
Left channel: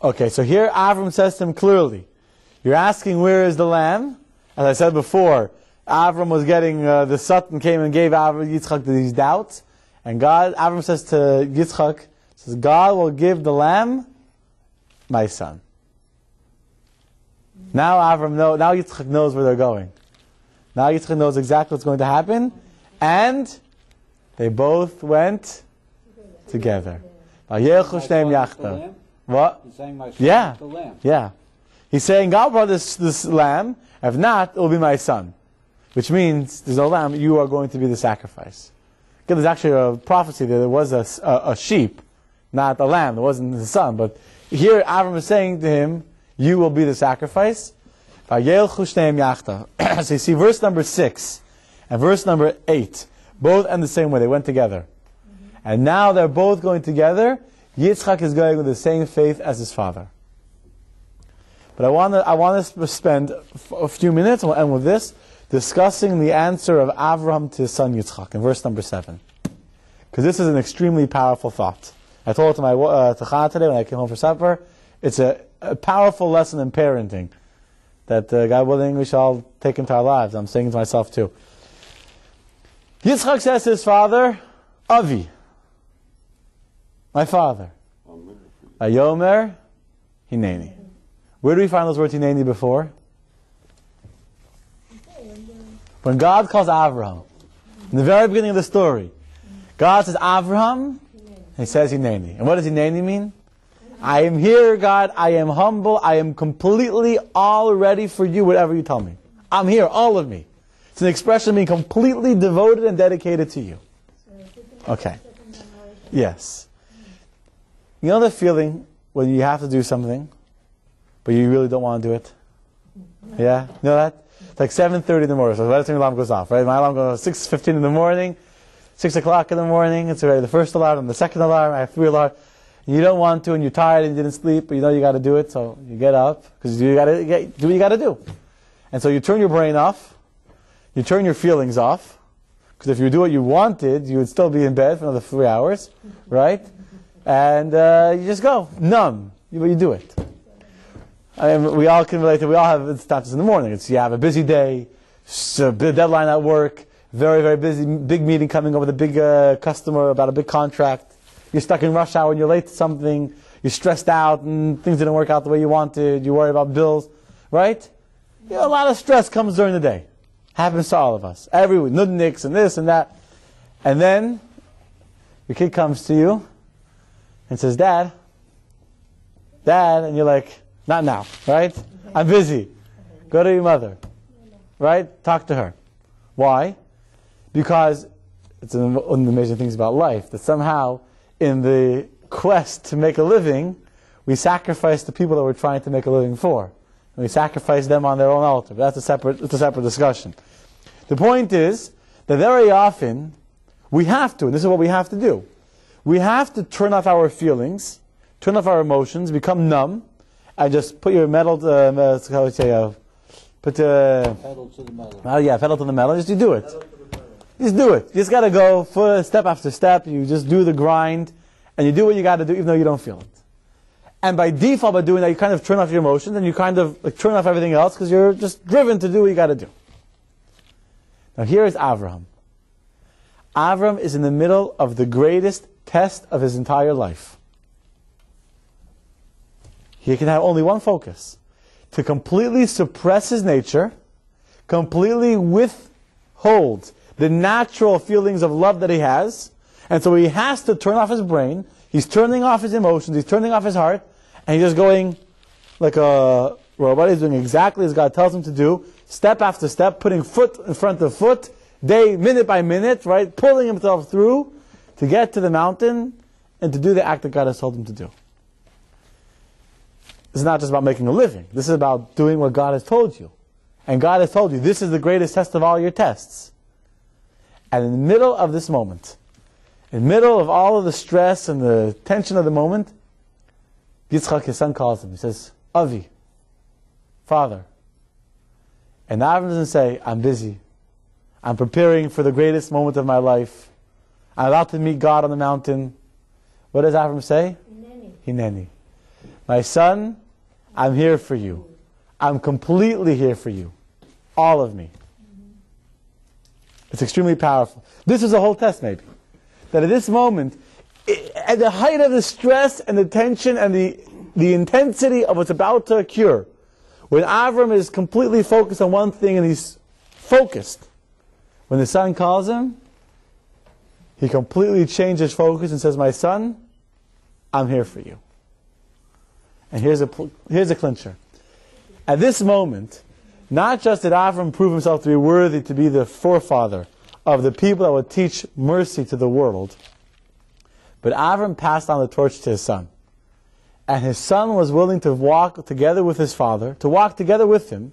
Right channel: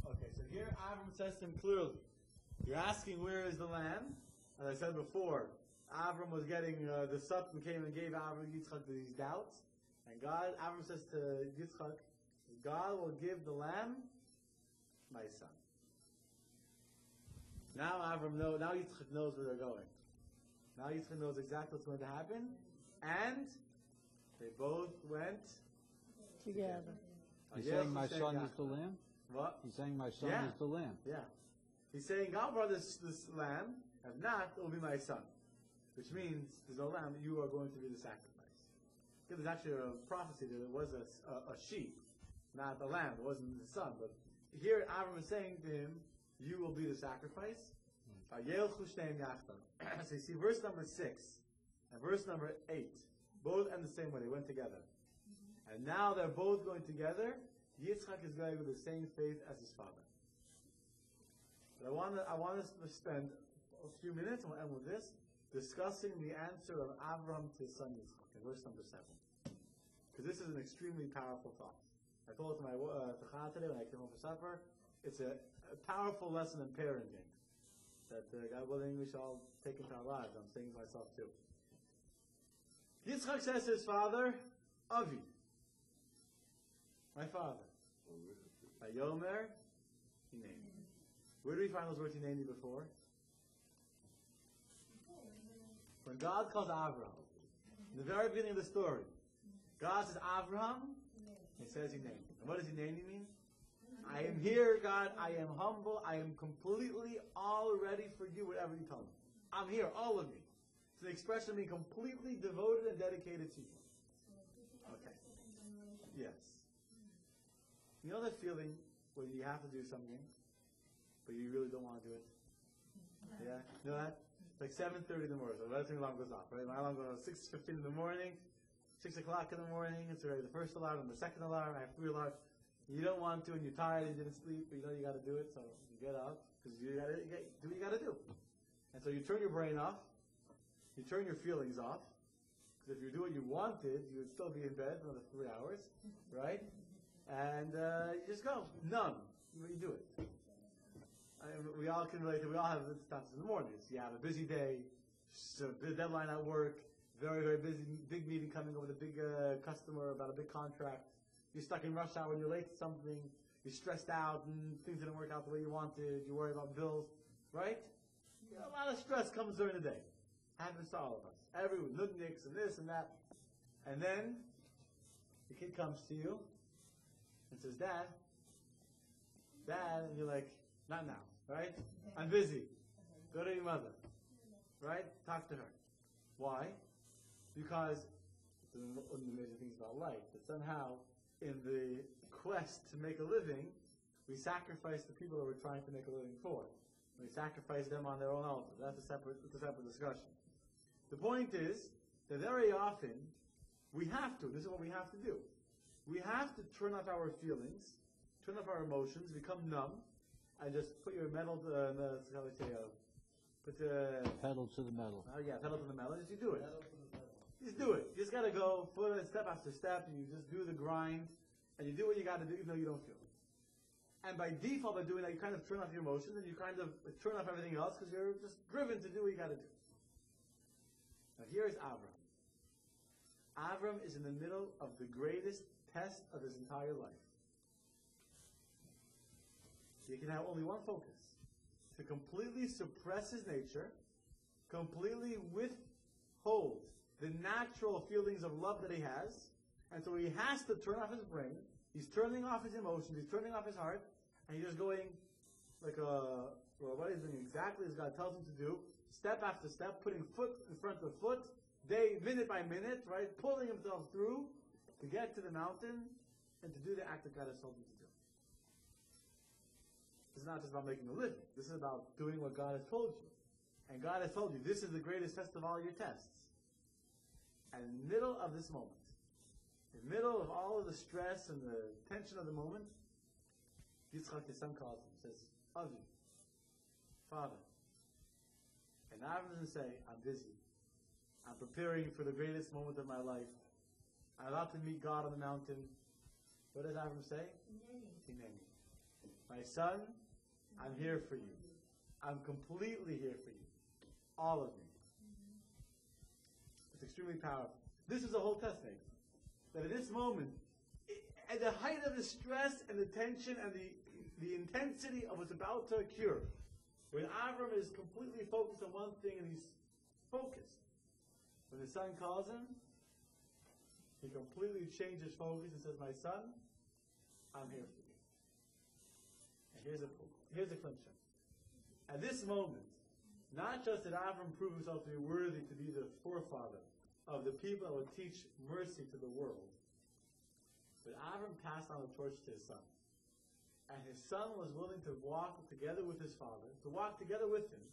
Okay, so here Avram says to him clearly, you're asking where is the lamb? As I said before, Avram was getting, the Satan came and gave Yitzchak these doubts. And Avram says to Yitzchak, says, God will give the lamb, my son. Now now Yitzchak knows where they're going. Now Yitzchak knows exactly what's going to happen. And they both went together. What? He's saying my son Yeah. is the lamb. Yeah. He's saying, God brought this lamb. If not, it will be my son. Which means, there's no lamb, you are going to be the sacrifice. Again, there's actually a prophecy that there was a sheep, not a lamb. It wasn't the son. But here, Avram is saying to him, you will be the sacrifice. So you see verse number 6 and verse number 8, both end the same way. They went together. And now they're both going together. Yitzchak is going with the same faith as his father. But I want to spend a few minutes, and we'll end with this, discussing the answer of Avraham to his son Yitzchak in verse number 7. Because this is an extremely powerful thought. I told it to my Tachana today when I came home for supper. It's a powerful lesson in parenting that, God willing, we shall take into our lives. I'm saying it to myself too. Yitzchak says to his father, Avi, my father. Ayomer, Hineni. Where do we find those words Hineni before? When God calls Avraham, in the very beginning of the story, God says Avraham, he says Hineni. And what does Hineni mean? I am here, God, I am humble, I am completely all ready for you, whatever you tell me. I'm here, all of me. It's an expression of being completely devoted and dedicated to you. Okay. Yes. You know the feeling when you have to do something, but you really don't want to do it? Yeah? You know that? It's like 7:30 in the morning, so by the time the alarm goes off, right? My alarm goes 6:15 in the morning, 6 o'clock in the morning, it's already the first alarm and the second alarm, I have 3 alarms. And you don't want to, and you're tired and you didn't sleep, but you know you got to do it, so you get up, because you got to do what you got to do. And so you turn your brain off, you turn your feelings off, because if you do what you wanted, you would still be in bed for another 3 hours, right? And you just go, numb, but you do it. We all can relate to, we all have instances in the morning. It's, you have a busy day, a deadline at work, very, very busy, big meeting coming up with a big customer about a big contract. You're stuck in rush hour and you're late to something. You're stressed out and things didn't work out the way you wanted. You worry about bills, right? You know, a lot of stress comes during the day. Happens to all of us. Every week, nudniks and this and that. And then your kid comes to you and says, Dad, and you're like, not now, right? I'm busy. Go to your mother, right? Talk to her. Why? Because it's one of the amazing things about life, that somehow in the quest to make a living, we sacrifice the people that we're trying to make a living for. And we sacrifice them on their own altar. But it's a separate discussion. The point is that very often we have to, and this is what we have to do. We have to turn off our feelings, turn off our emotions, become numb, and just put your pedal to the metal. Pedal to the metal. Just you do it. Just do it. You just got to go step after step. You just do the grind, and you do what you got to do, even though you don't feel it. And by default, by doing that, you kind of turn off your emotions, and you kind of turn off everything else because you're just driven to do what you got to do. Now here is Avraham. Avraham is in the middle of the greatest test of his entire life. He can have only one focus: to completely suppress his nature, completely withhold the natural feelings of love that he has, and so he has to turn off his brain, he's turning off his emotions, he's turning off his heart, and he's just going like a robot. He's doing exactly as God tells him to do, step after step, putting foot in front of foot, minute by minute, right, pulling himself through to get to the mountain and to do the act that God has told him to do. This is not just about making a living. This is about doing what God has told you. And God has told you, this is the greatest test of all your tests. And in the middle of this moment, in the middle of all of the stress and the tension of the moment, Yitzchak, his son, calls him. He says, Avi, Father. And Avram doesn't say, I'm busy. I'm preparing for the greatest moment of my life. I'm about to meet God on the mountain. What does Avram say? Hineni. My son, I'm here for you. I'm completely here for you. All of me. It's extremely powerful. This is a whole test, maybe. That at this moment, at the height of the stress and the tension and the intensity of what's about to occur, when Avram is completely focused on one thing and he's focused, when the son calls him, he completely changes focus and says, my son, I'm here for you. And here's a clincher. At this moment, not just did Avram prove himself to be worthy to be the forefather of the people that would teach mercy to the world, but Avram passed on the torch to his son. And his son was willing to walk together with his father, to walk together with him,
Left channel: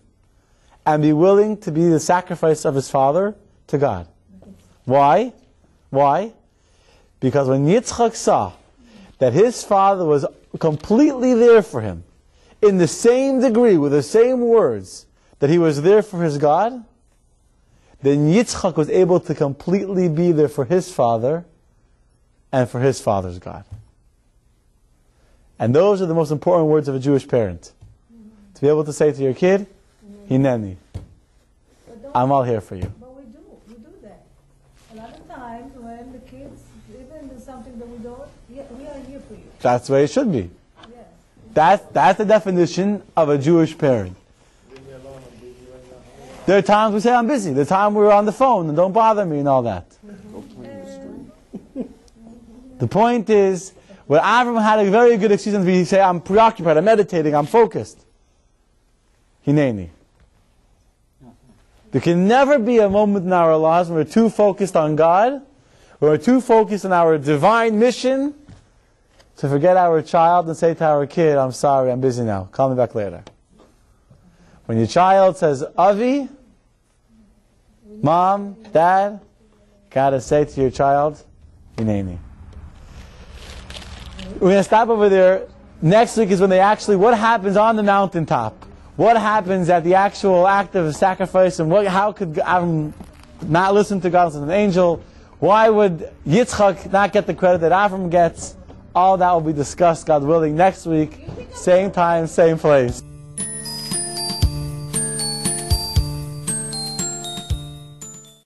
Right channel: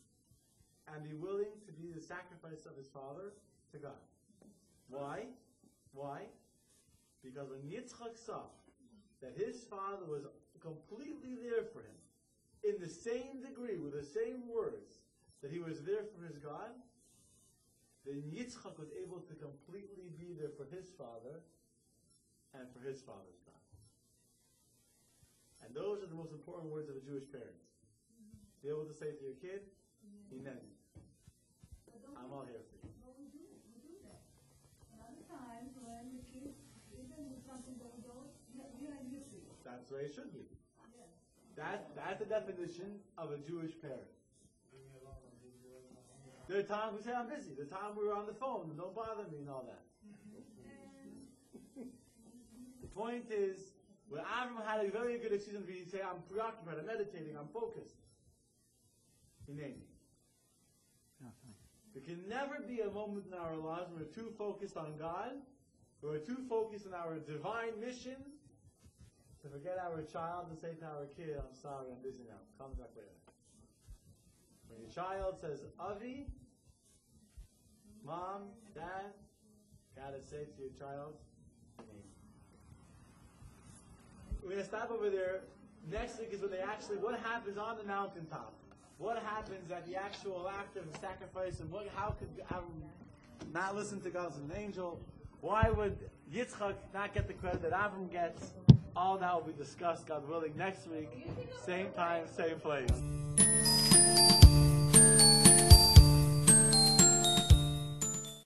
and be willing to be the sacrifice of his father to God. Why? Why? Because when Yitzchak saw that his father was completely there for him, in the same degree, with the same words, that he was there for his God, then Yitzchak was able to completely be there for his father and for his father's God. And those are the most important words of a Jewish parent. To be able to say to your kid, Hineni, I'm all here for you. But we do that. A lot of times when the kids even do something that we don't, we are here for you. That's the way it should be. That's the definition of a Jewish parent. There are times we say, I'm busy. There are times we're on the phone and don't bother me and all that. The point is, when Avram had a very good excuse to say, I'm preoccupied, I'm meditating, I'm focused. Hineni. There can never be a moment in our lives when we're too focused on God, when we're too focused on our divine mission, to forget our child and say to our kid, I'm sorry, I'm busy now. Call me back later. When your child says, Avi, Mom, Dad, gotta say to your child, Hineni. We're going to stop over there. Next week is when what happens on the mountaintop? What happens at the actual act of sacrifice? And how could Avram not listen to God as an angel? Why would Yitzchak not get the credit that Avram gets? All that will be discussed, God willing, next week. Same time, same place.